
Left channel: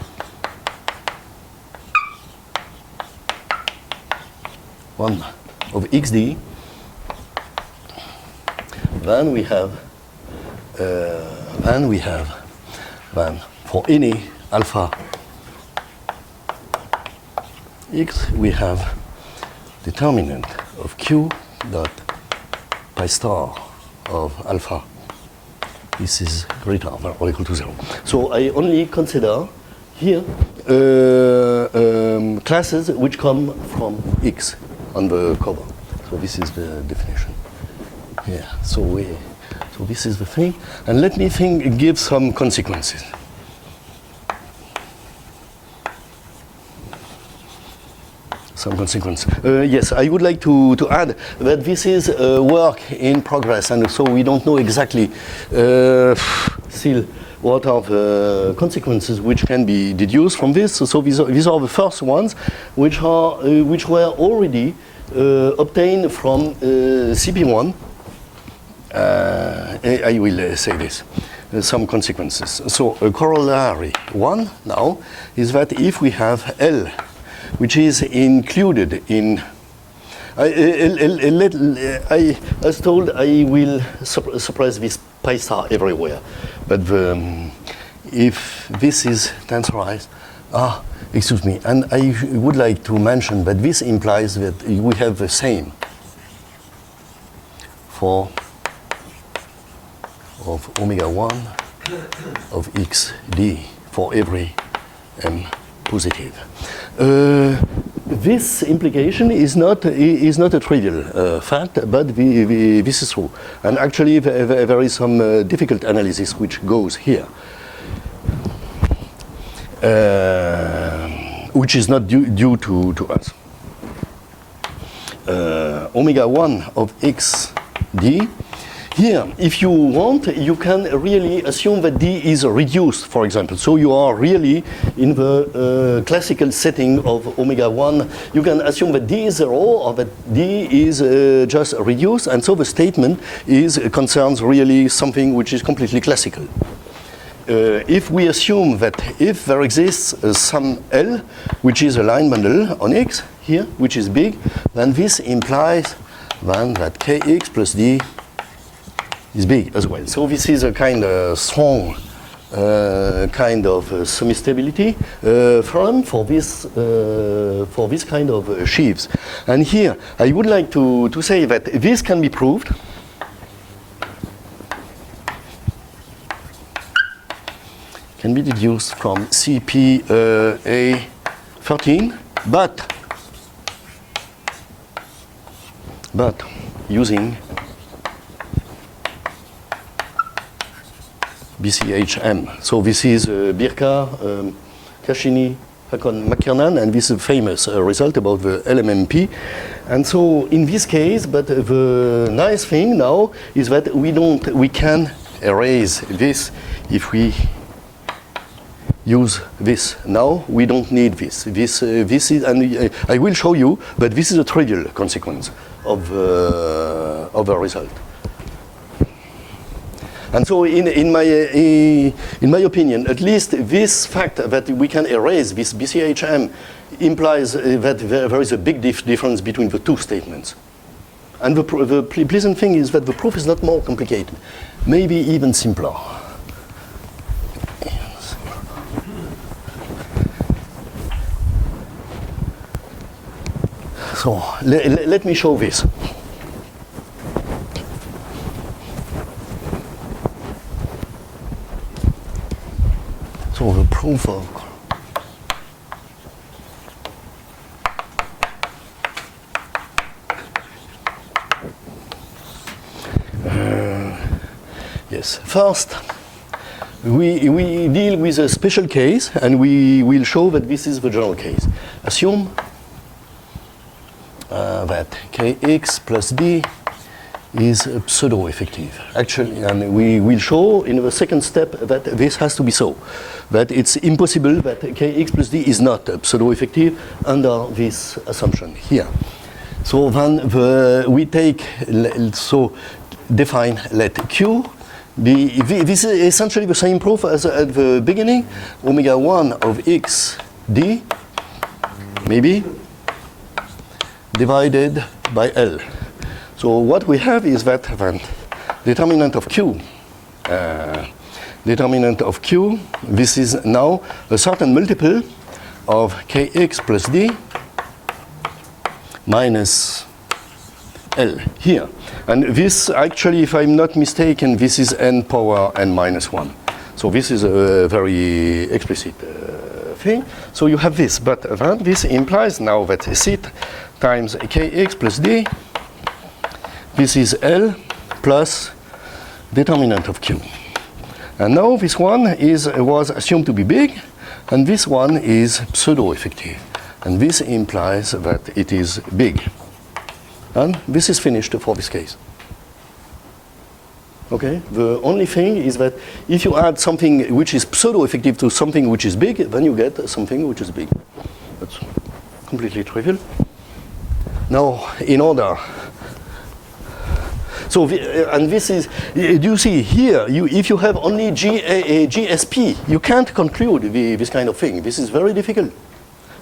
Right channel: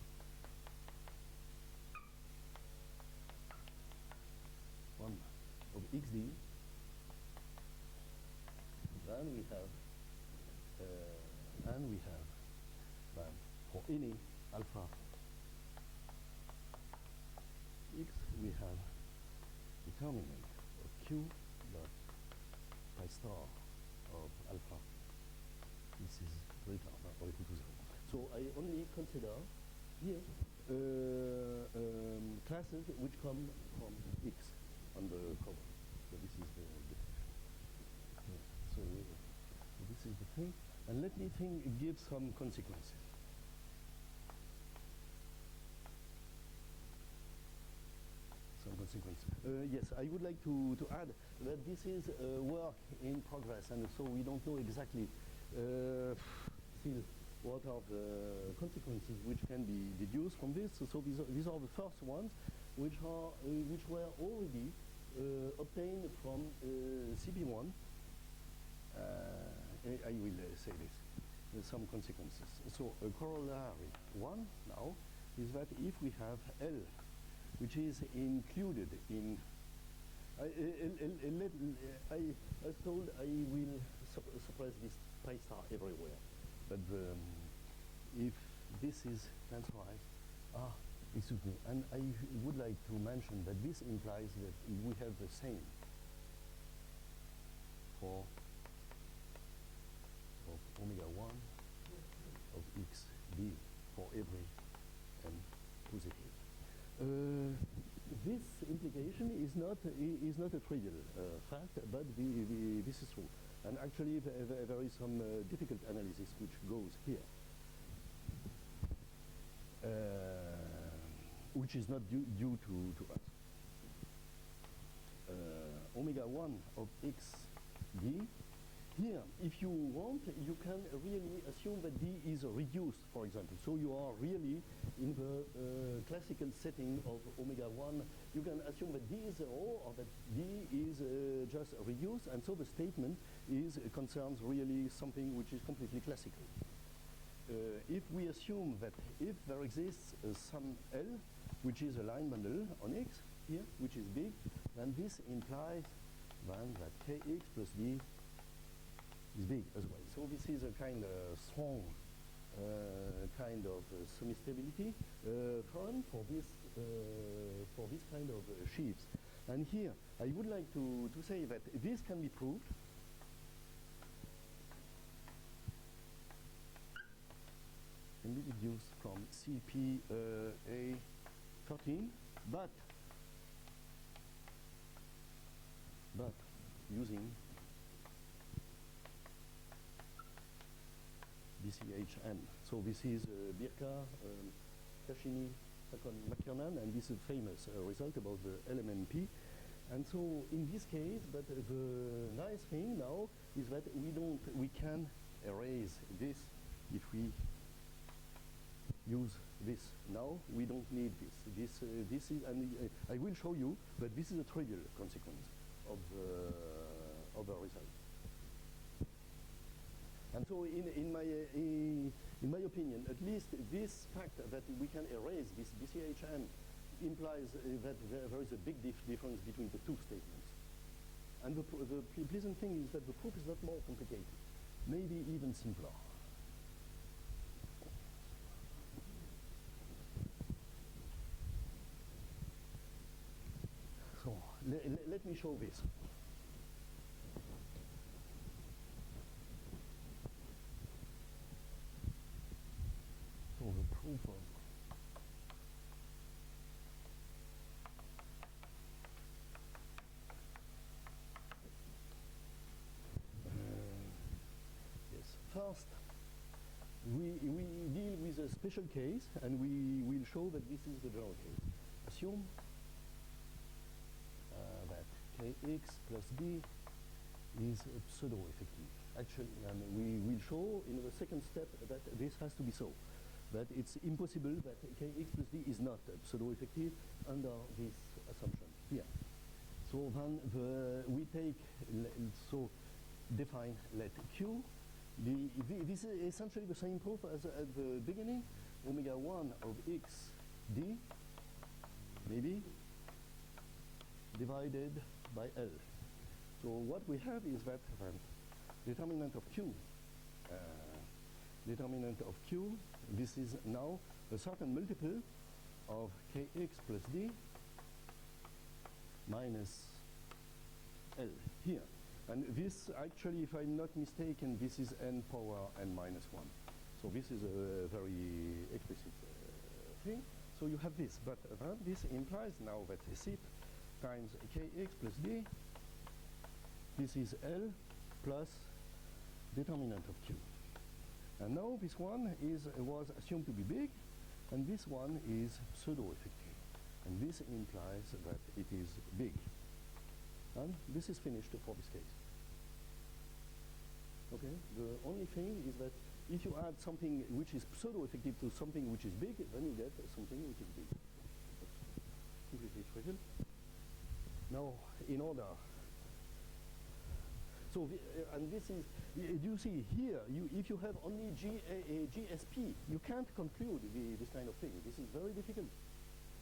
One of xd, then we have for any alpha x, we have determinant of q dot pi star of alpha. This is greater than or equal to 0. So I only consider here classes which come from x on the cover. So this is the definition. Yeah. So this is the thing. And let me give some consequences. Some consequence. Yes, I would like to add that this is a work in progress, and so we don't know exactly still what are the consequences which can be deduced from this. So these are the first ones which were already obtained from CP1. I will say this. Some consequences. So a corollary one now is that if we have L, which is included in, as told, I will suppress this pi star everywhere. But if this is tensorized, excuse me, and I would like to mention that this implies that we have the same for of omega 1 of xd for every m positive. This implication is not a trivial fact, but this is true. And actually, there is some difficult analysis which goes here, which is not due to us. Omega 1 of xd. Here, if you want, you can really assume that d is reduced, for example. So you are really in the classical setting of omega 1. You can assume that d is 0 or that d is just reduced. And so the statement concerns really something which is completely classical. If we assume that if there exists some L, which is a line bundle on X here, which is big, then this implies then that Kx plus D is big as well. So this is a kind of strong kind of semi-stability theorem for this kind of sheaves. And here I would like to say that this can be proved. Can be deduced from CPA13, but using BCHM. So this is Birka, Kashini, Hakon, McKernan, and this is a famous result about the LMMP. And so in this case, but the nice thing now is that we can erase this if we use this. Now we don't need this. This is, and I will show you, but this is a trivial consequence of a result. And so in my opinion, at least this fact that we can erase this BCHM implies that there is a big difference between the two statements. And the pleasant thing is that the proof is not more complicated, maybe even simpler. So let me show this. So the proof of yes, first we deal with a special case, and we will show that this is the general case. Assume that kx plus d is pseudo-effective. Actually, and we will show in the second step that this has to be so, that it's impossible that kx plus d is not pseudo-effective under this assumption here. So then we take, so define let q be, this is essentially the same proof as at the beginning, omega 1 of x d, maybe, divided by L. So what we have is that determinant of Q, this is now a certain multiple of kx plus d minus L here. And this actually, if I'm not mistaken, this is n power n minus 1. So this is a very explicit thing. So you have this, but this implies now that c times kx plus d, this is L plus determinant of Q. And now this one was assumed to be big, and this one is pseudo-effective. And this implies that it is big. And this is finished for this case. Okay? The only thing is that if you add something which is pseudo-effective to something which is big, then you get something which is big. That's completely trivial. Now, in order, so and this is, do you see here, if you have only GSP, you can't conclude this kind of thing. This is very difficult.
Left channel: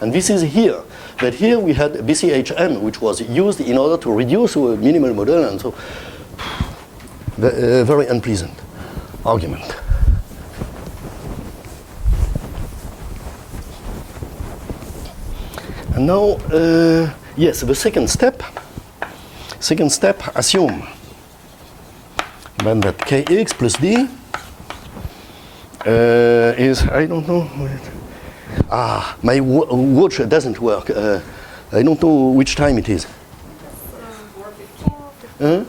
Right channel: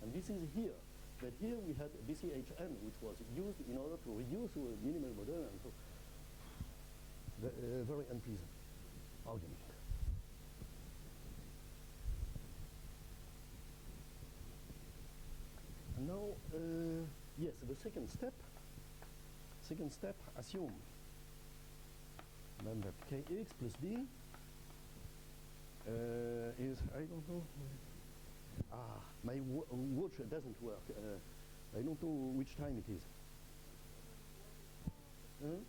And this is here, that here we had BCHM, which was used in order to reduce a minimal model, and so very unpleasant argument. And now, yes, the second step assume then that kx plus d is, I don't know, my watch doesn't work. I don't know which time it is. 4:15 now.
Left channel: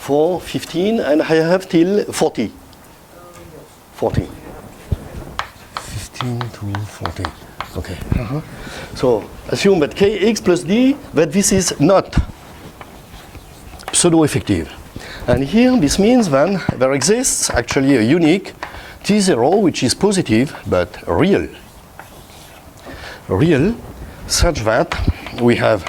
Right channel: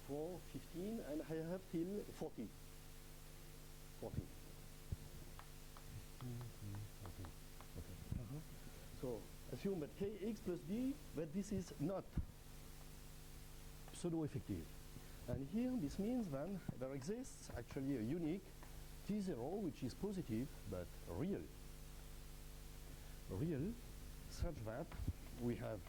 4:15, and I have till 40. 40. 15 to 40. Okay. So assume that kx plus d, that this is not pseudo-effective. And here this means then there exists actually a unique T0 which is positive but real. Real such that we have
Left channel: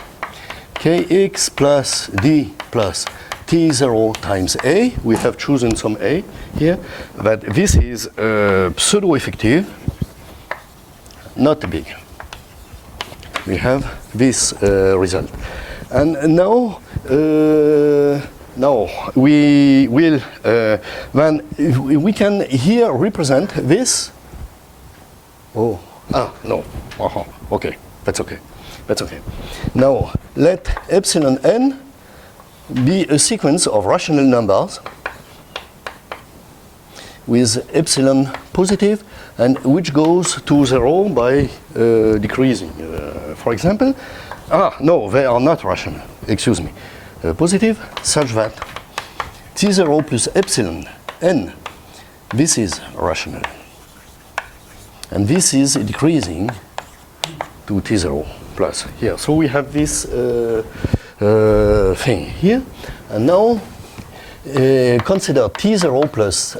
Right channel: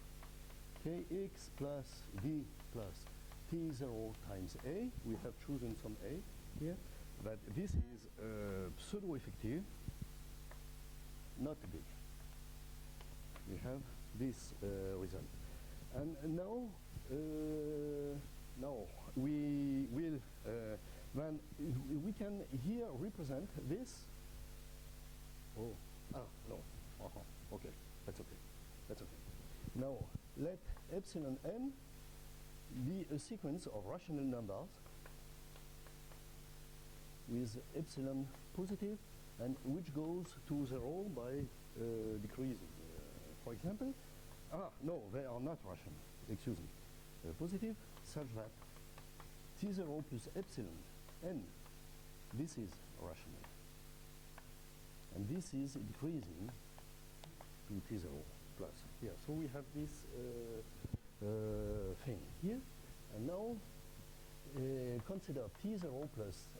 kx plus d plus T0 times a. We have chosen some a here, that this is pseudo-effective, not big. We have this result. And now, we will, then we can here represent this. No, okay, that's okay. That's okay. Now, let epsilon n be a sequence of rational numbers with epsilon positive, and which goes to 0 by decreasing. For example, no, they are not rational, excuse me. Positive, such that T0 plus epsilon n, this is rational. And this is decreasing to T0 plus here. So we have this thing here. And now consider T0 plus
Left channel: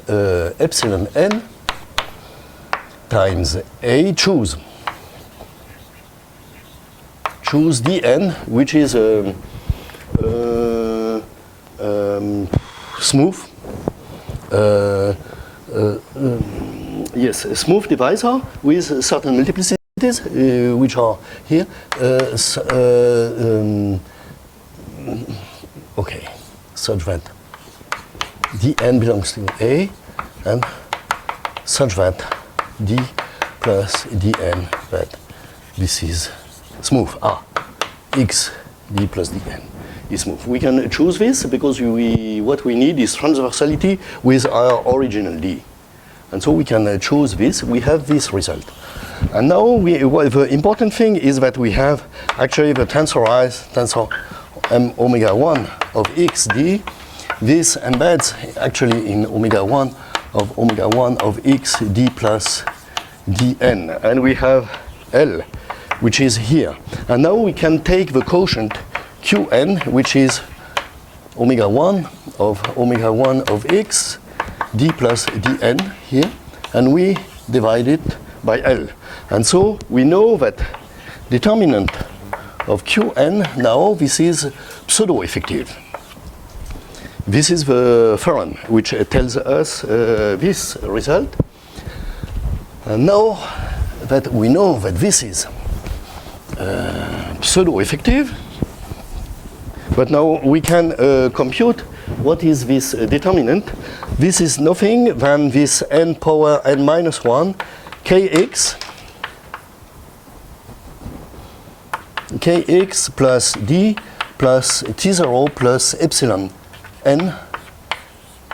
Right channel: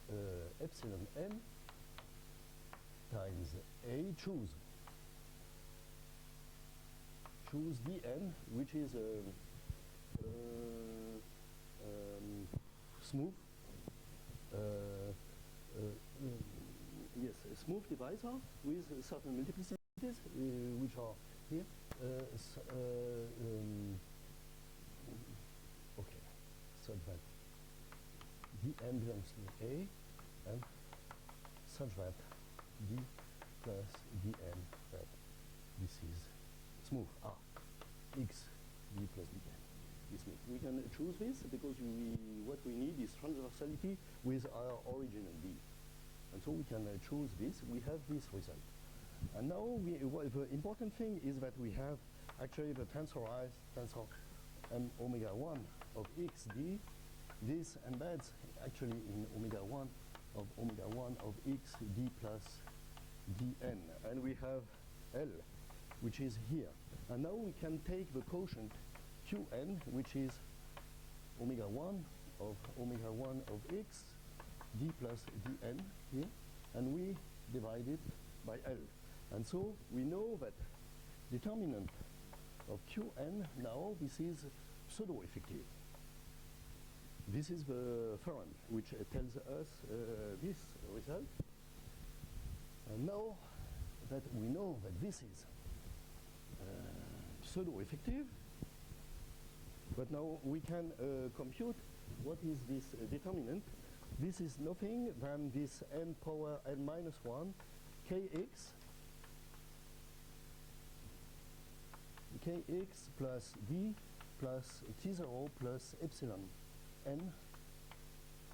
epsilon n times a, choose dn, which is smooth, yes, a smooth divisor with certain multiplicities, which are here. Okay, such that dn belongs to a, and such that d plus dn, that this is smooth. x d plus dn is smooth. We can choose this because what we need is transversality with our original d. And so we can choose this. We have this result. And now the important thing is that we have actually the tensor m omega 1 of x d. This embeds actually in omega 1 of x d plus dn. And we have L, which is here. And now we can take the quotient Qn, which is omega 1 of x d plus dn here, and we divide it by L. And so we know that determinant of Qn now, this is pseudo-effective. This is the theorem which tells us this result. And now that we know that this is pseudo-effective, but now we can compute what is this determinant. This is nothing than this n power n minus 1 kx plus d plus t0 plus epsilon n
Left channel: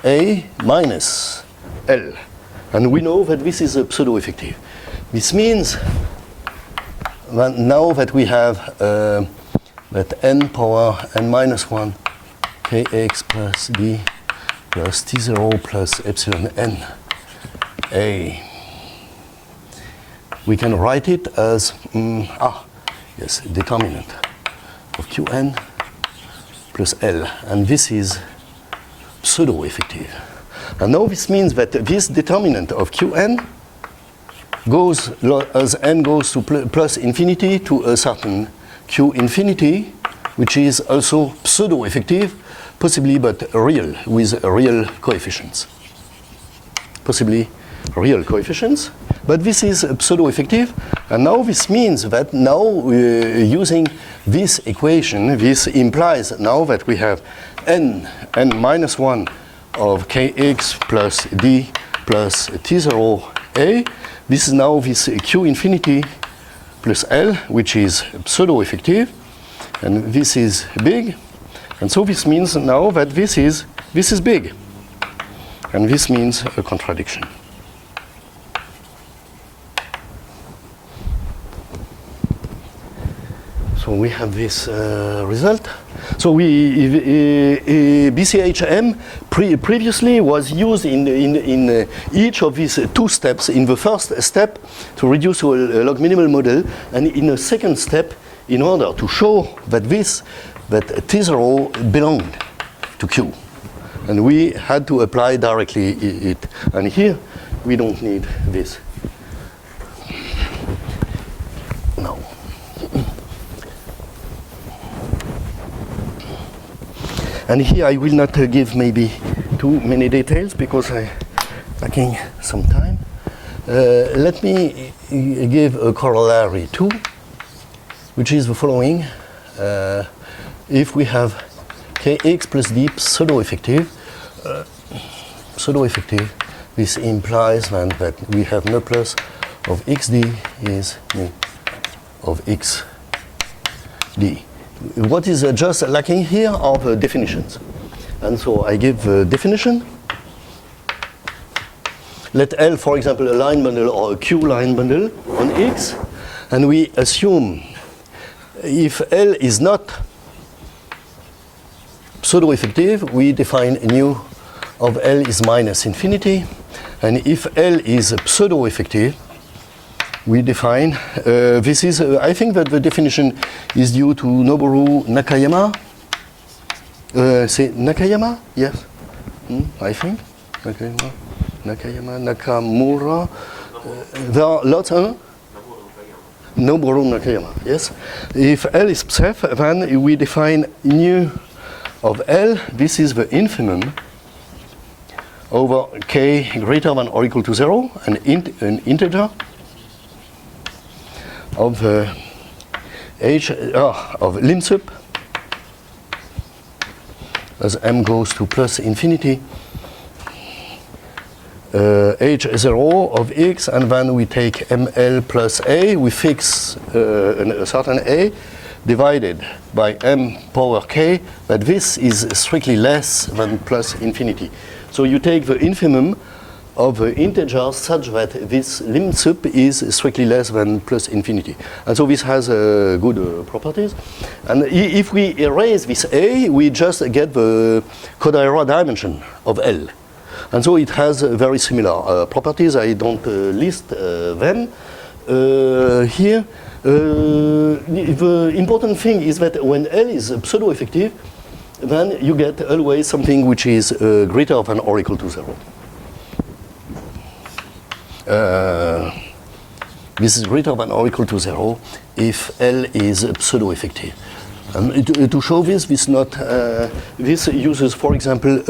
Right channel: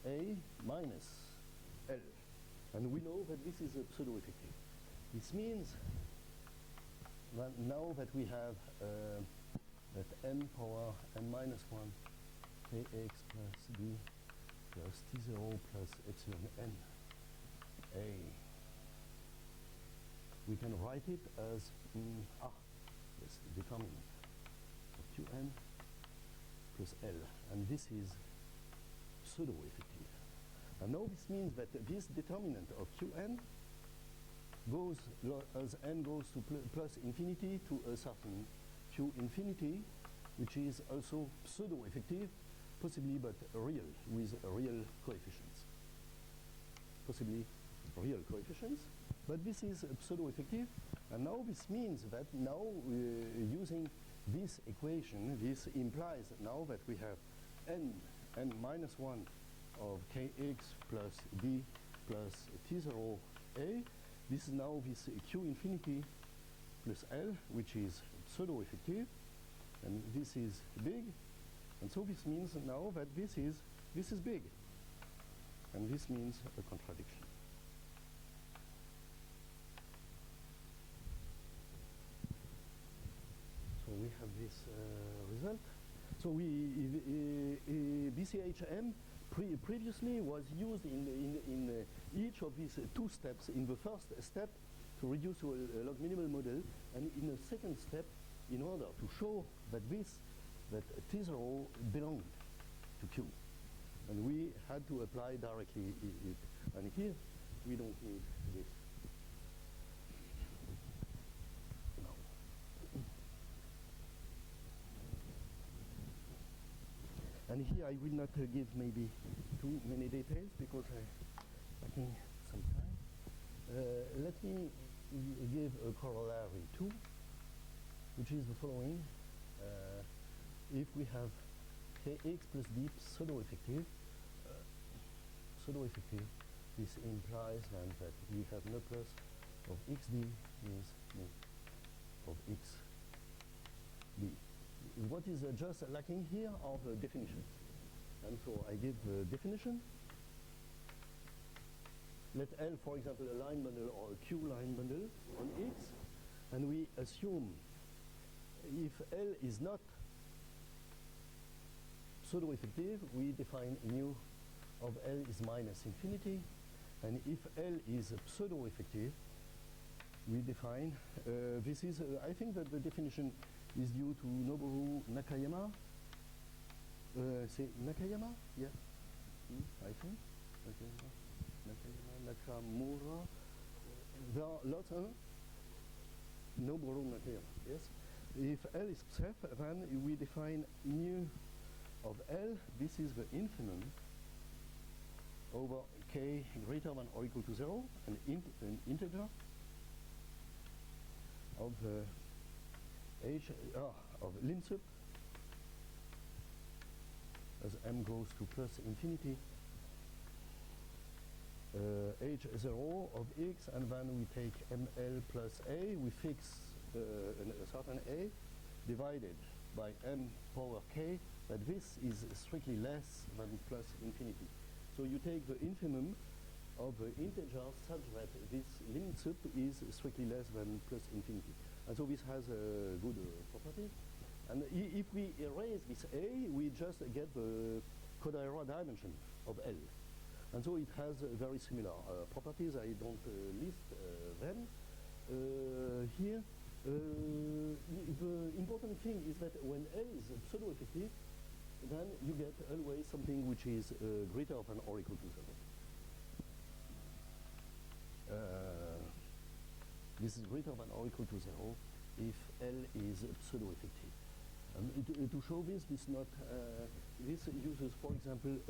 a minus L. And we know that this is a pseudo-effective. This means that now that we have that n power n minus 1 kx plus d plus t0 plus epsilon n a, we can write it as determinant of Qn plus L, and this is pseudo-effective. And now this means that this determinant of Qn goes, as n goes to plus infinity, to a certain Q infinity, which is also pseudo-effective, possibly but real, with real coefficients. Possibly real coefficients, but this is pseudo-effective. And now this means that now using this equation, this implies now that we have n minus 1 of kx plus d plus t0 a. This is now this q infinity plus L, which is pseudo-effective, and this is big. And so this means now that this is big, and this means a contradiction. So we have this result. So BCHM previously was used in each of these two steps. In the first step, to reduce to a log minimal model, and in a second step, in order to show that T0 belonged to Q. And we had to apply directly it. And here, we don't need this. No. And here I will not give maybe too many details because I'm lacking some time. Let me give a corollary too, which is the following. If we have kx plus d pseudo-effective, this implies then that we have no plus of xd is nu of xd. What is just lacking here are the definitions. And so I give the definition. Let L, for example, a line bundle or a Q line bundle on X. And we assume if L is not pseudo-effective, we define nu of L is minus infinity. And if L is pseudo-effective, we define, this is, I think that the definition is due to Noboru Nakayama. Say Nakayama? Yes, I think. Nakayama, Nakamura. There are lots, huh? Noboru Nakayama, yes. If L is psef, then we define nu of L, this is the infimum over k greater than or equal to 0, an integer of of lim sup as m goes to plus infinity h0 of x, and then we take ml plus a, we fix a certain a, divided by m power k, that this is strictly less than plus infinity. So you take the infimum of the integer such that this lim sup is strictly less than plus infinity. And so this has good properties. And if we erase this A, we just get the Kodaira dimension of L. And so it has very similar properties. I don't list them here. The important thing is that when L is pseudo-effective, then you get always something which is greater than or equal to 0. This is greater than or equal to 0 if L is pseudo-effective. To show this, this uses, for example,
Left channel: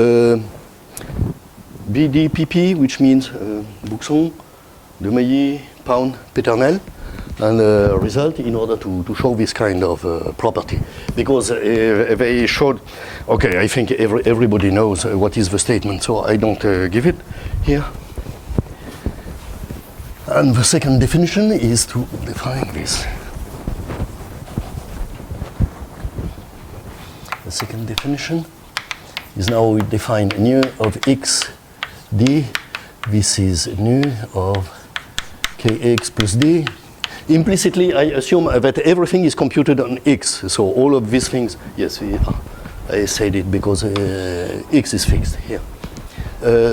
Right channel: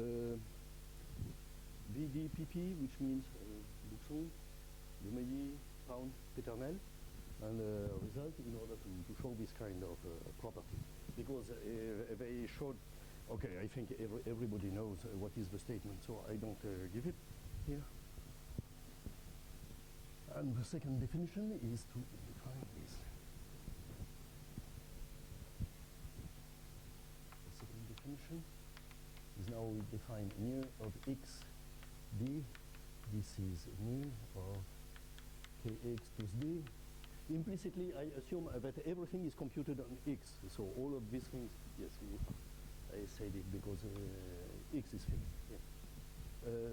BDPP, which means Buxon, De Mailly, Pound, Peternel, and result in order to show this kind of property. Because they showed, okay, I think everybody knows what is the statement, so I don't give it here. And the second definition is to define this. The second definition is now we define nu of x d. This is nu of kx plus d. Implicitly, I assume that everything is computed on x. So all of these things, yes, I said it because x is fixed here.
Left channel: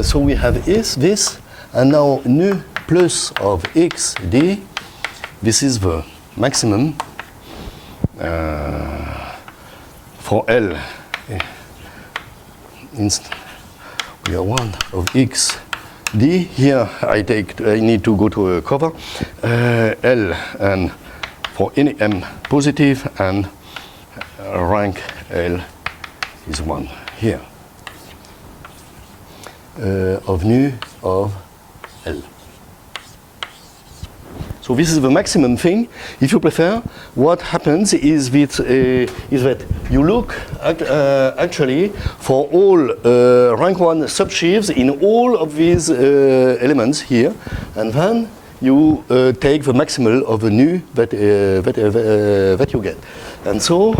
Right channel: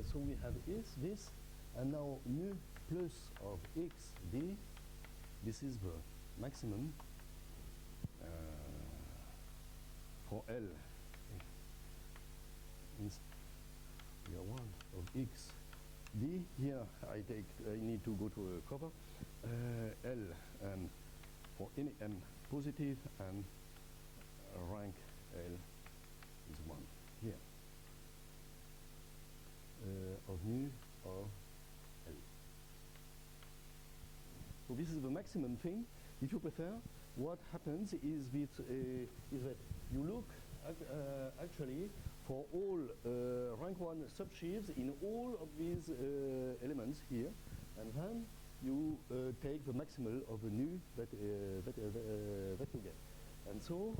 So we have this, and now nu plus of x d. This is the maximum for L. We have 1 of x d. Here I need to go to a cover. L and for any m positive, and rank L is 1 here. Of nu of L. So this is the maximum thing. If you prefer, what happens is that you look actually for all rank 1 subsheaves in all of these elements here, and then you take the maximal of the nu that you get. And so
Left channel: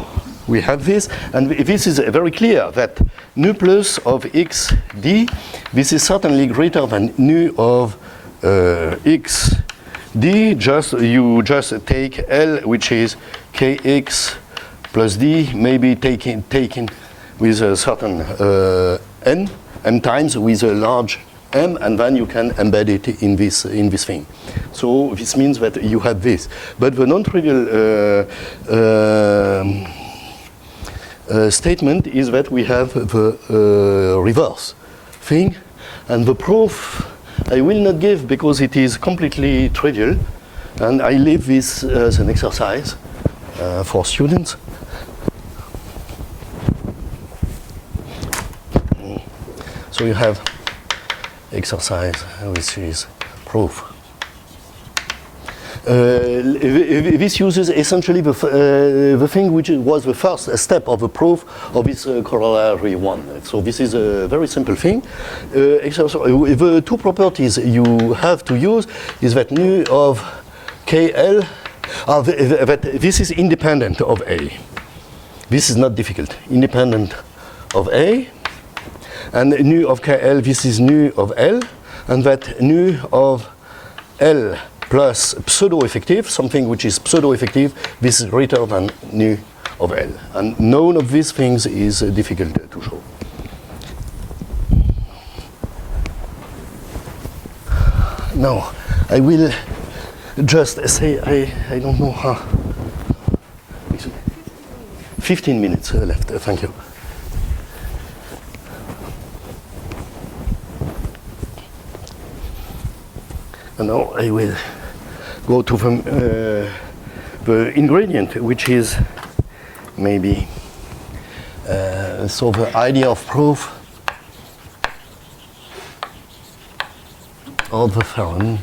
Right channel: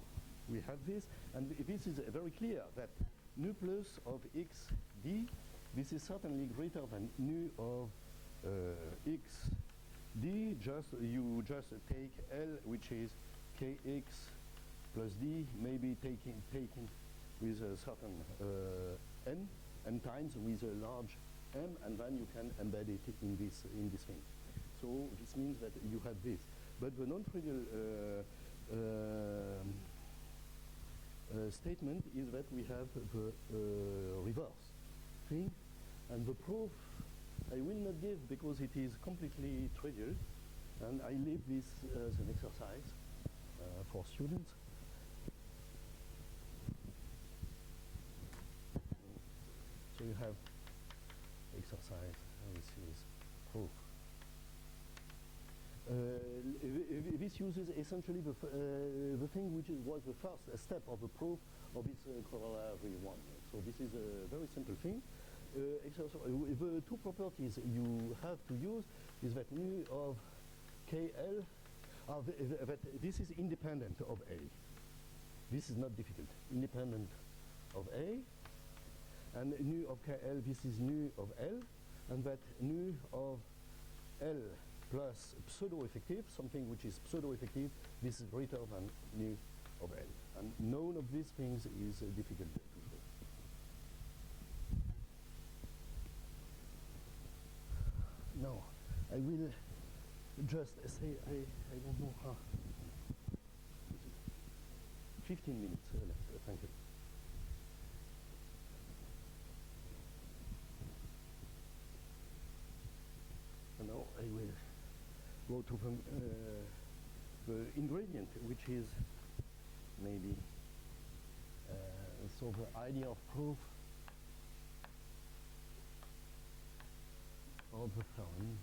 we have this, and this is very clear that nu plus of x d, this is certainly greater than nu of x d. You just take L, which is kx plus d, maybe taken with a certain m times with a large m, and then you can embed it in this thing. So this means that you have this. But the non-trivial statement is that we have the reverse thing, and the proof I will not give because it is completely trivial, and I leave this as an exercise for students. So you have exercise, which is proof. This uses essentially the thing which was the first step of the proof of this corollary one. So this is a very simple thing. The two properties you have to use is that nu of KL, that this is independent of A. This is not difficult. Independent of A, and nu of KL, this is nu of L, and that nu of L plus pseudo-effective, something which is pseudo-effective, this is greater than nu of L. And none of these things is difficult to show. Now, I will just say, I don't know how. 15 minutes left, thank you. And now I will go to the ingredient, which is maybe so the idea of proof of the theorem.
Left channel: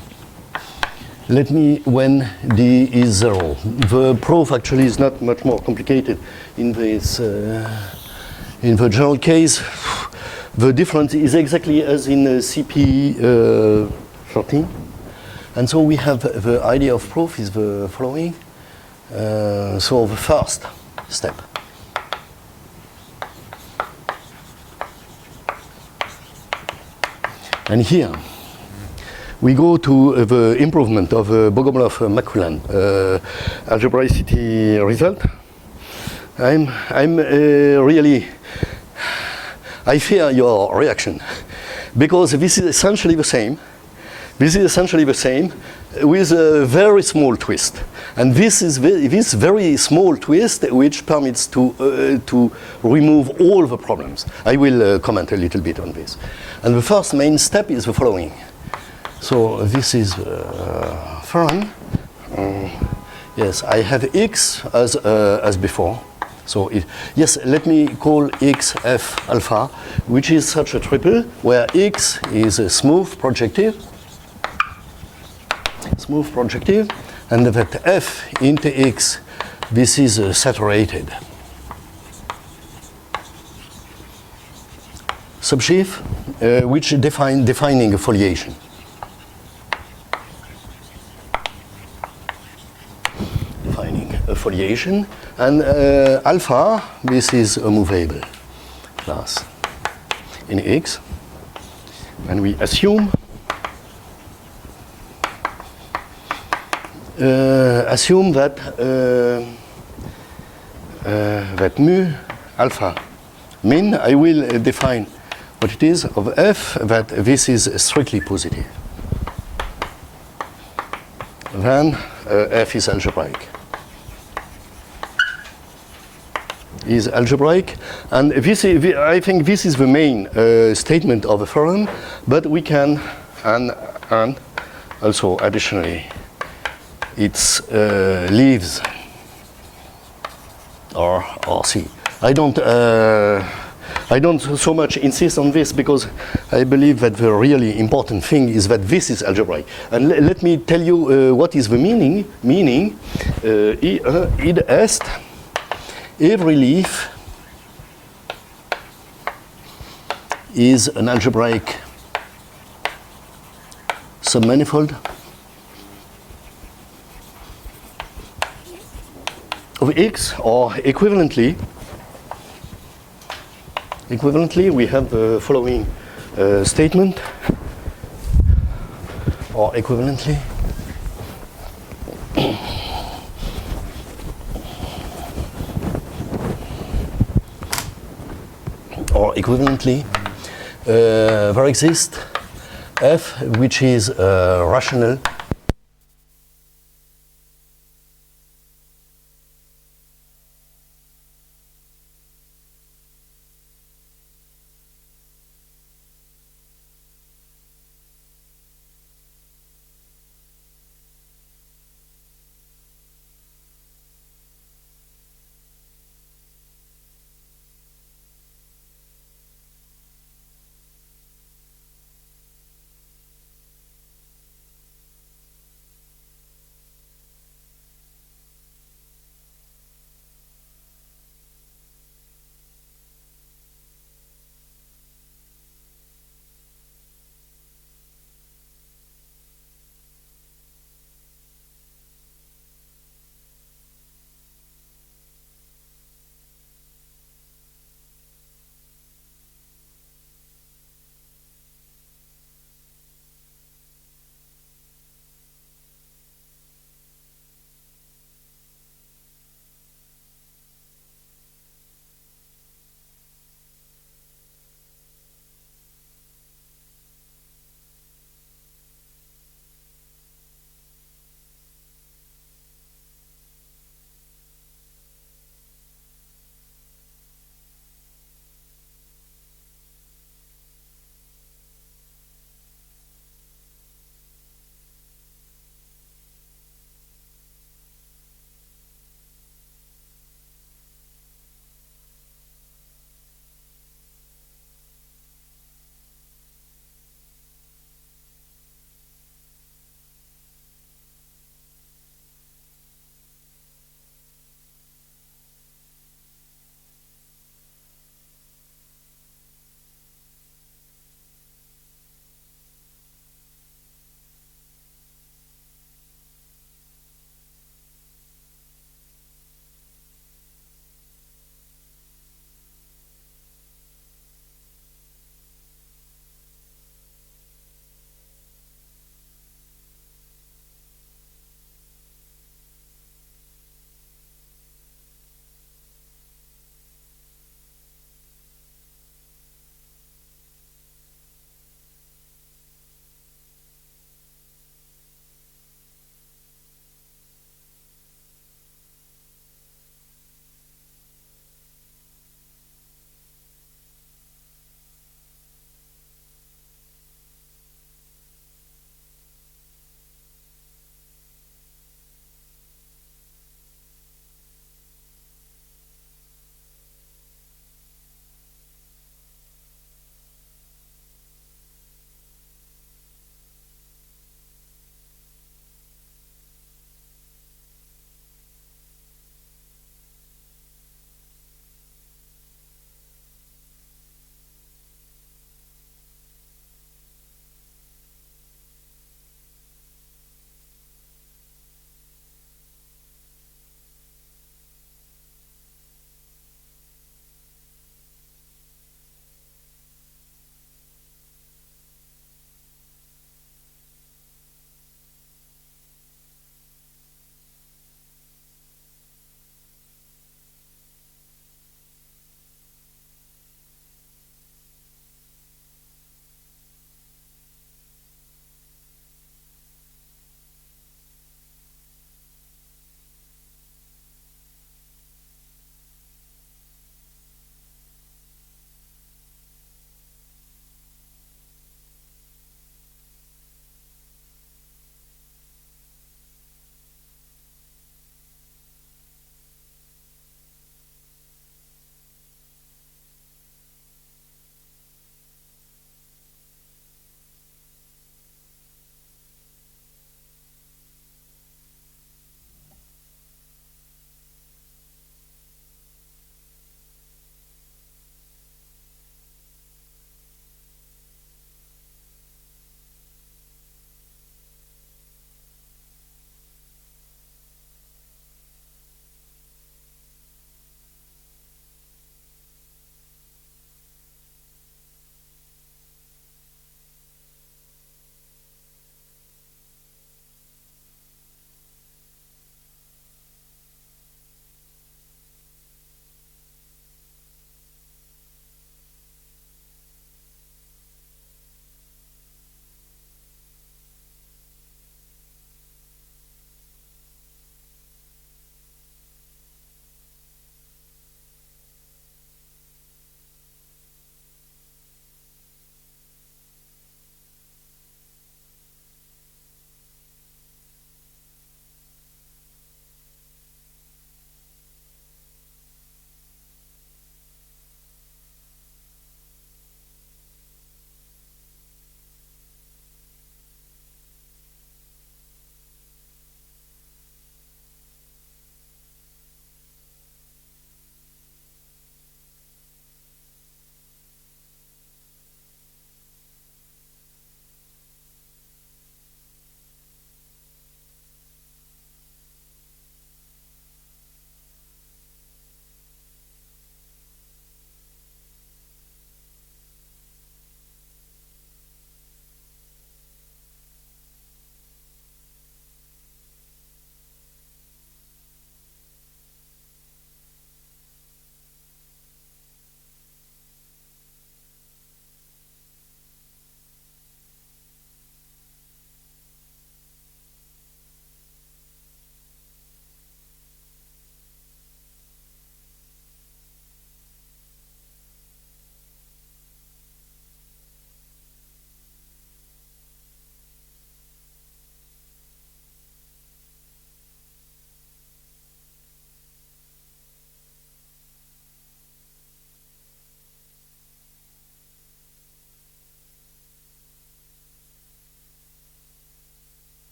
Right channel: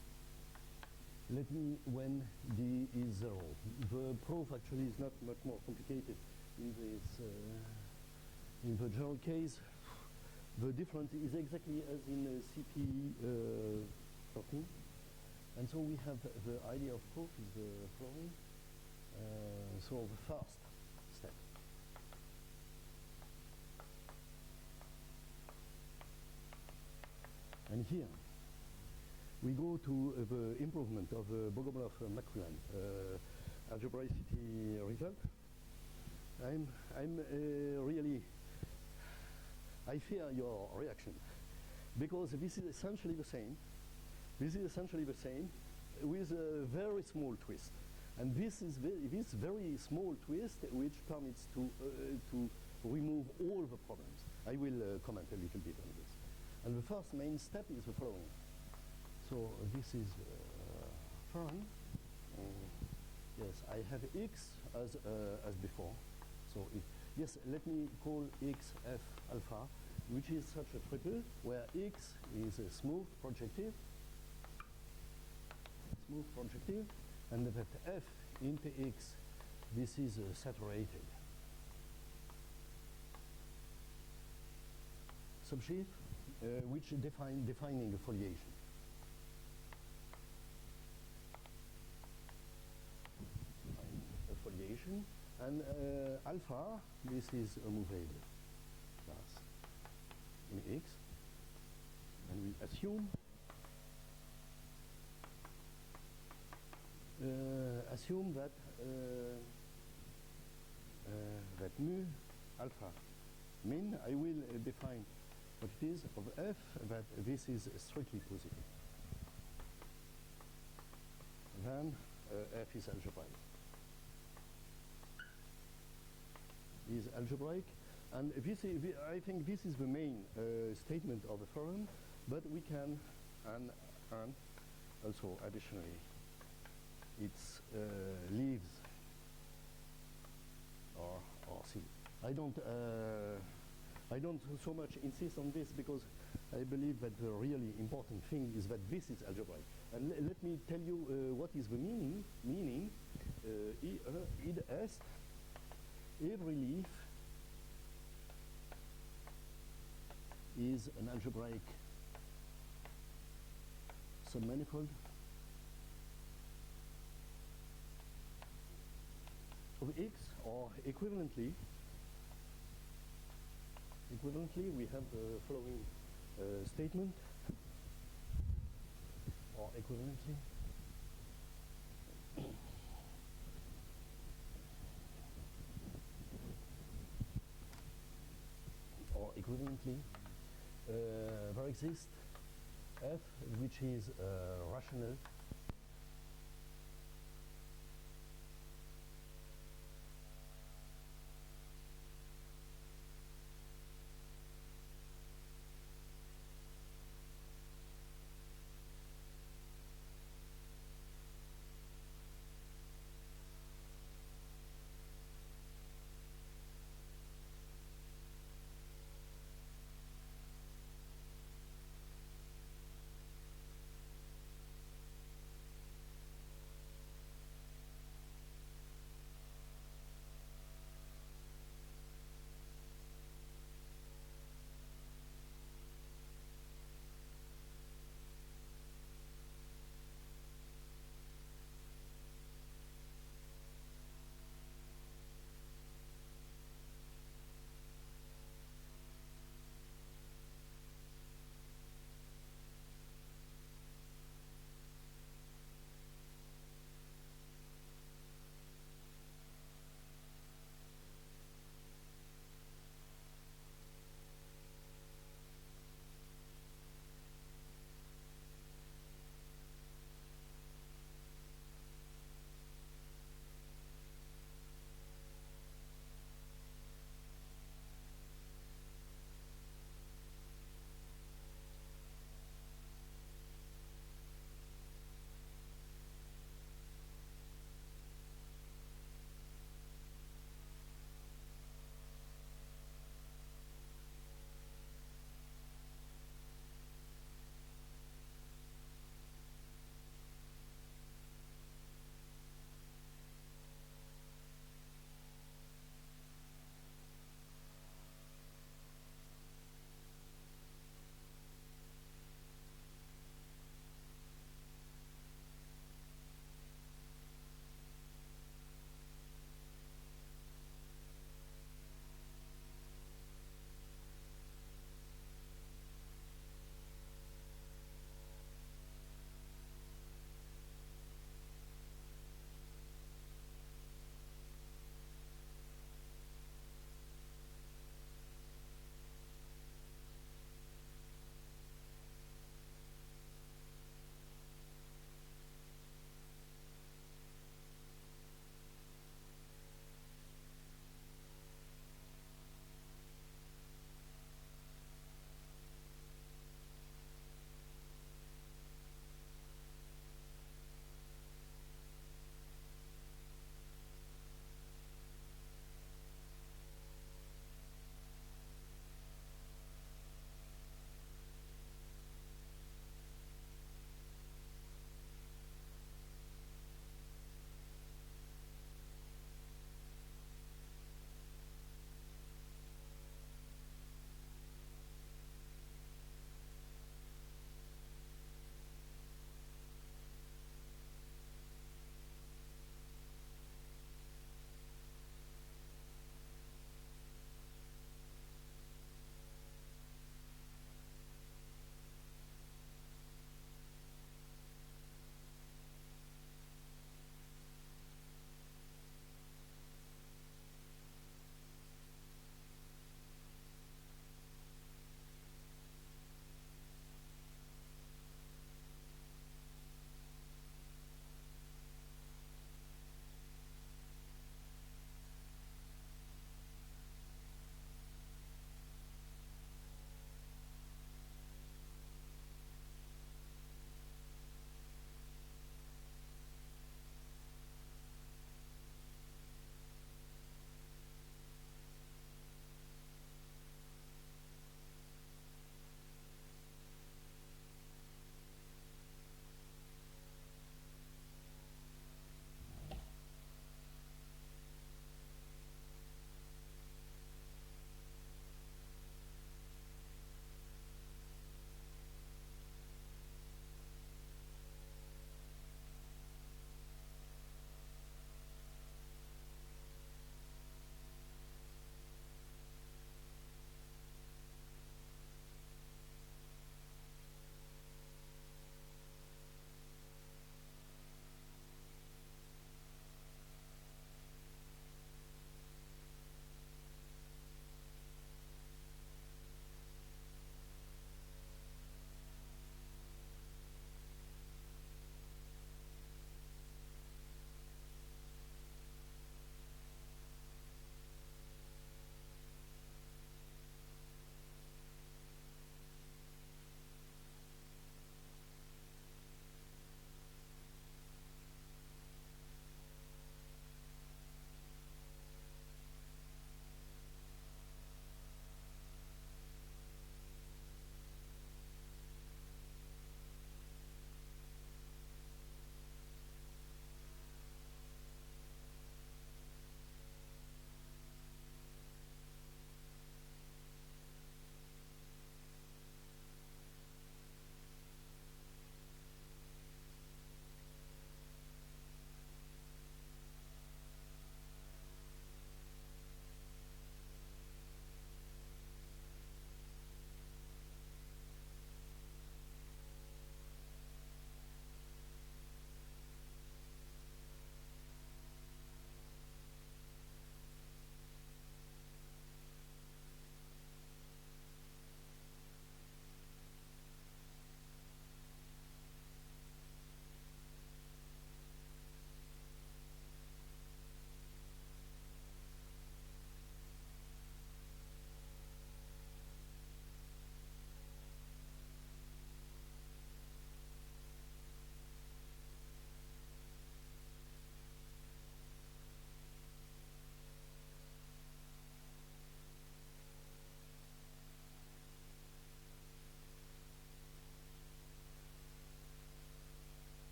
Let me, when d is 0. The proof actually is not much more complicated in this. In the general case, the difference is exactly as in CP 13. And so we have the idea of proof is the following. So the first step. And here we go to the improvement of Bogomolov-McQuillan algebraicity result. I'm really, I fear your reaction, because this is essentially the same. This is essentially the same with a very small twist. And this is this very small twist which permits to remove all the problems. I will comment a little bit on this. And the first main step is the following. So this is theorem. Yes, I have x as before. So yes, let me call x f alpha, which is such a triple where x is a smooth projective, and that f into x, this is saturated subsheaf, which defining a foliation. Foliation, and alpha, this is a movable class in X, and we assume that that mu alpha min, I will define what it is of f, that this is strictly positive. Then f is algebraic. Is algebraic, and this is, I think this is the main statement of the theorem, but we can, and also additionally, it leaves, or C. I don't so much insist on this, because I believe that the really important thing is that this is algebraic. And let me tell you what is the meaning. Id est, every leaf is an algebraic submanifold of X, or equivalently we have the following statement, or equivalently there exists f, which is rational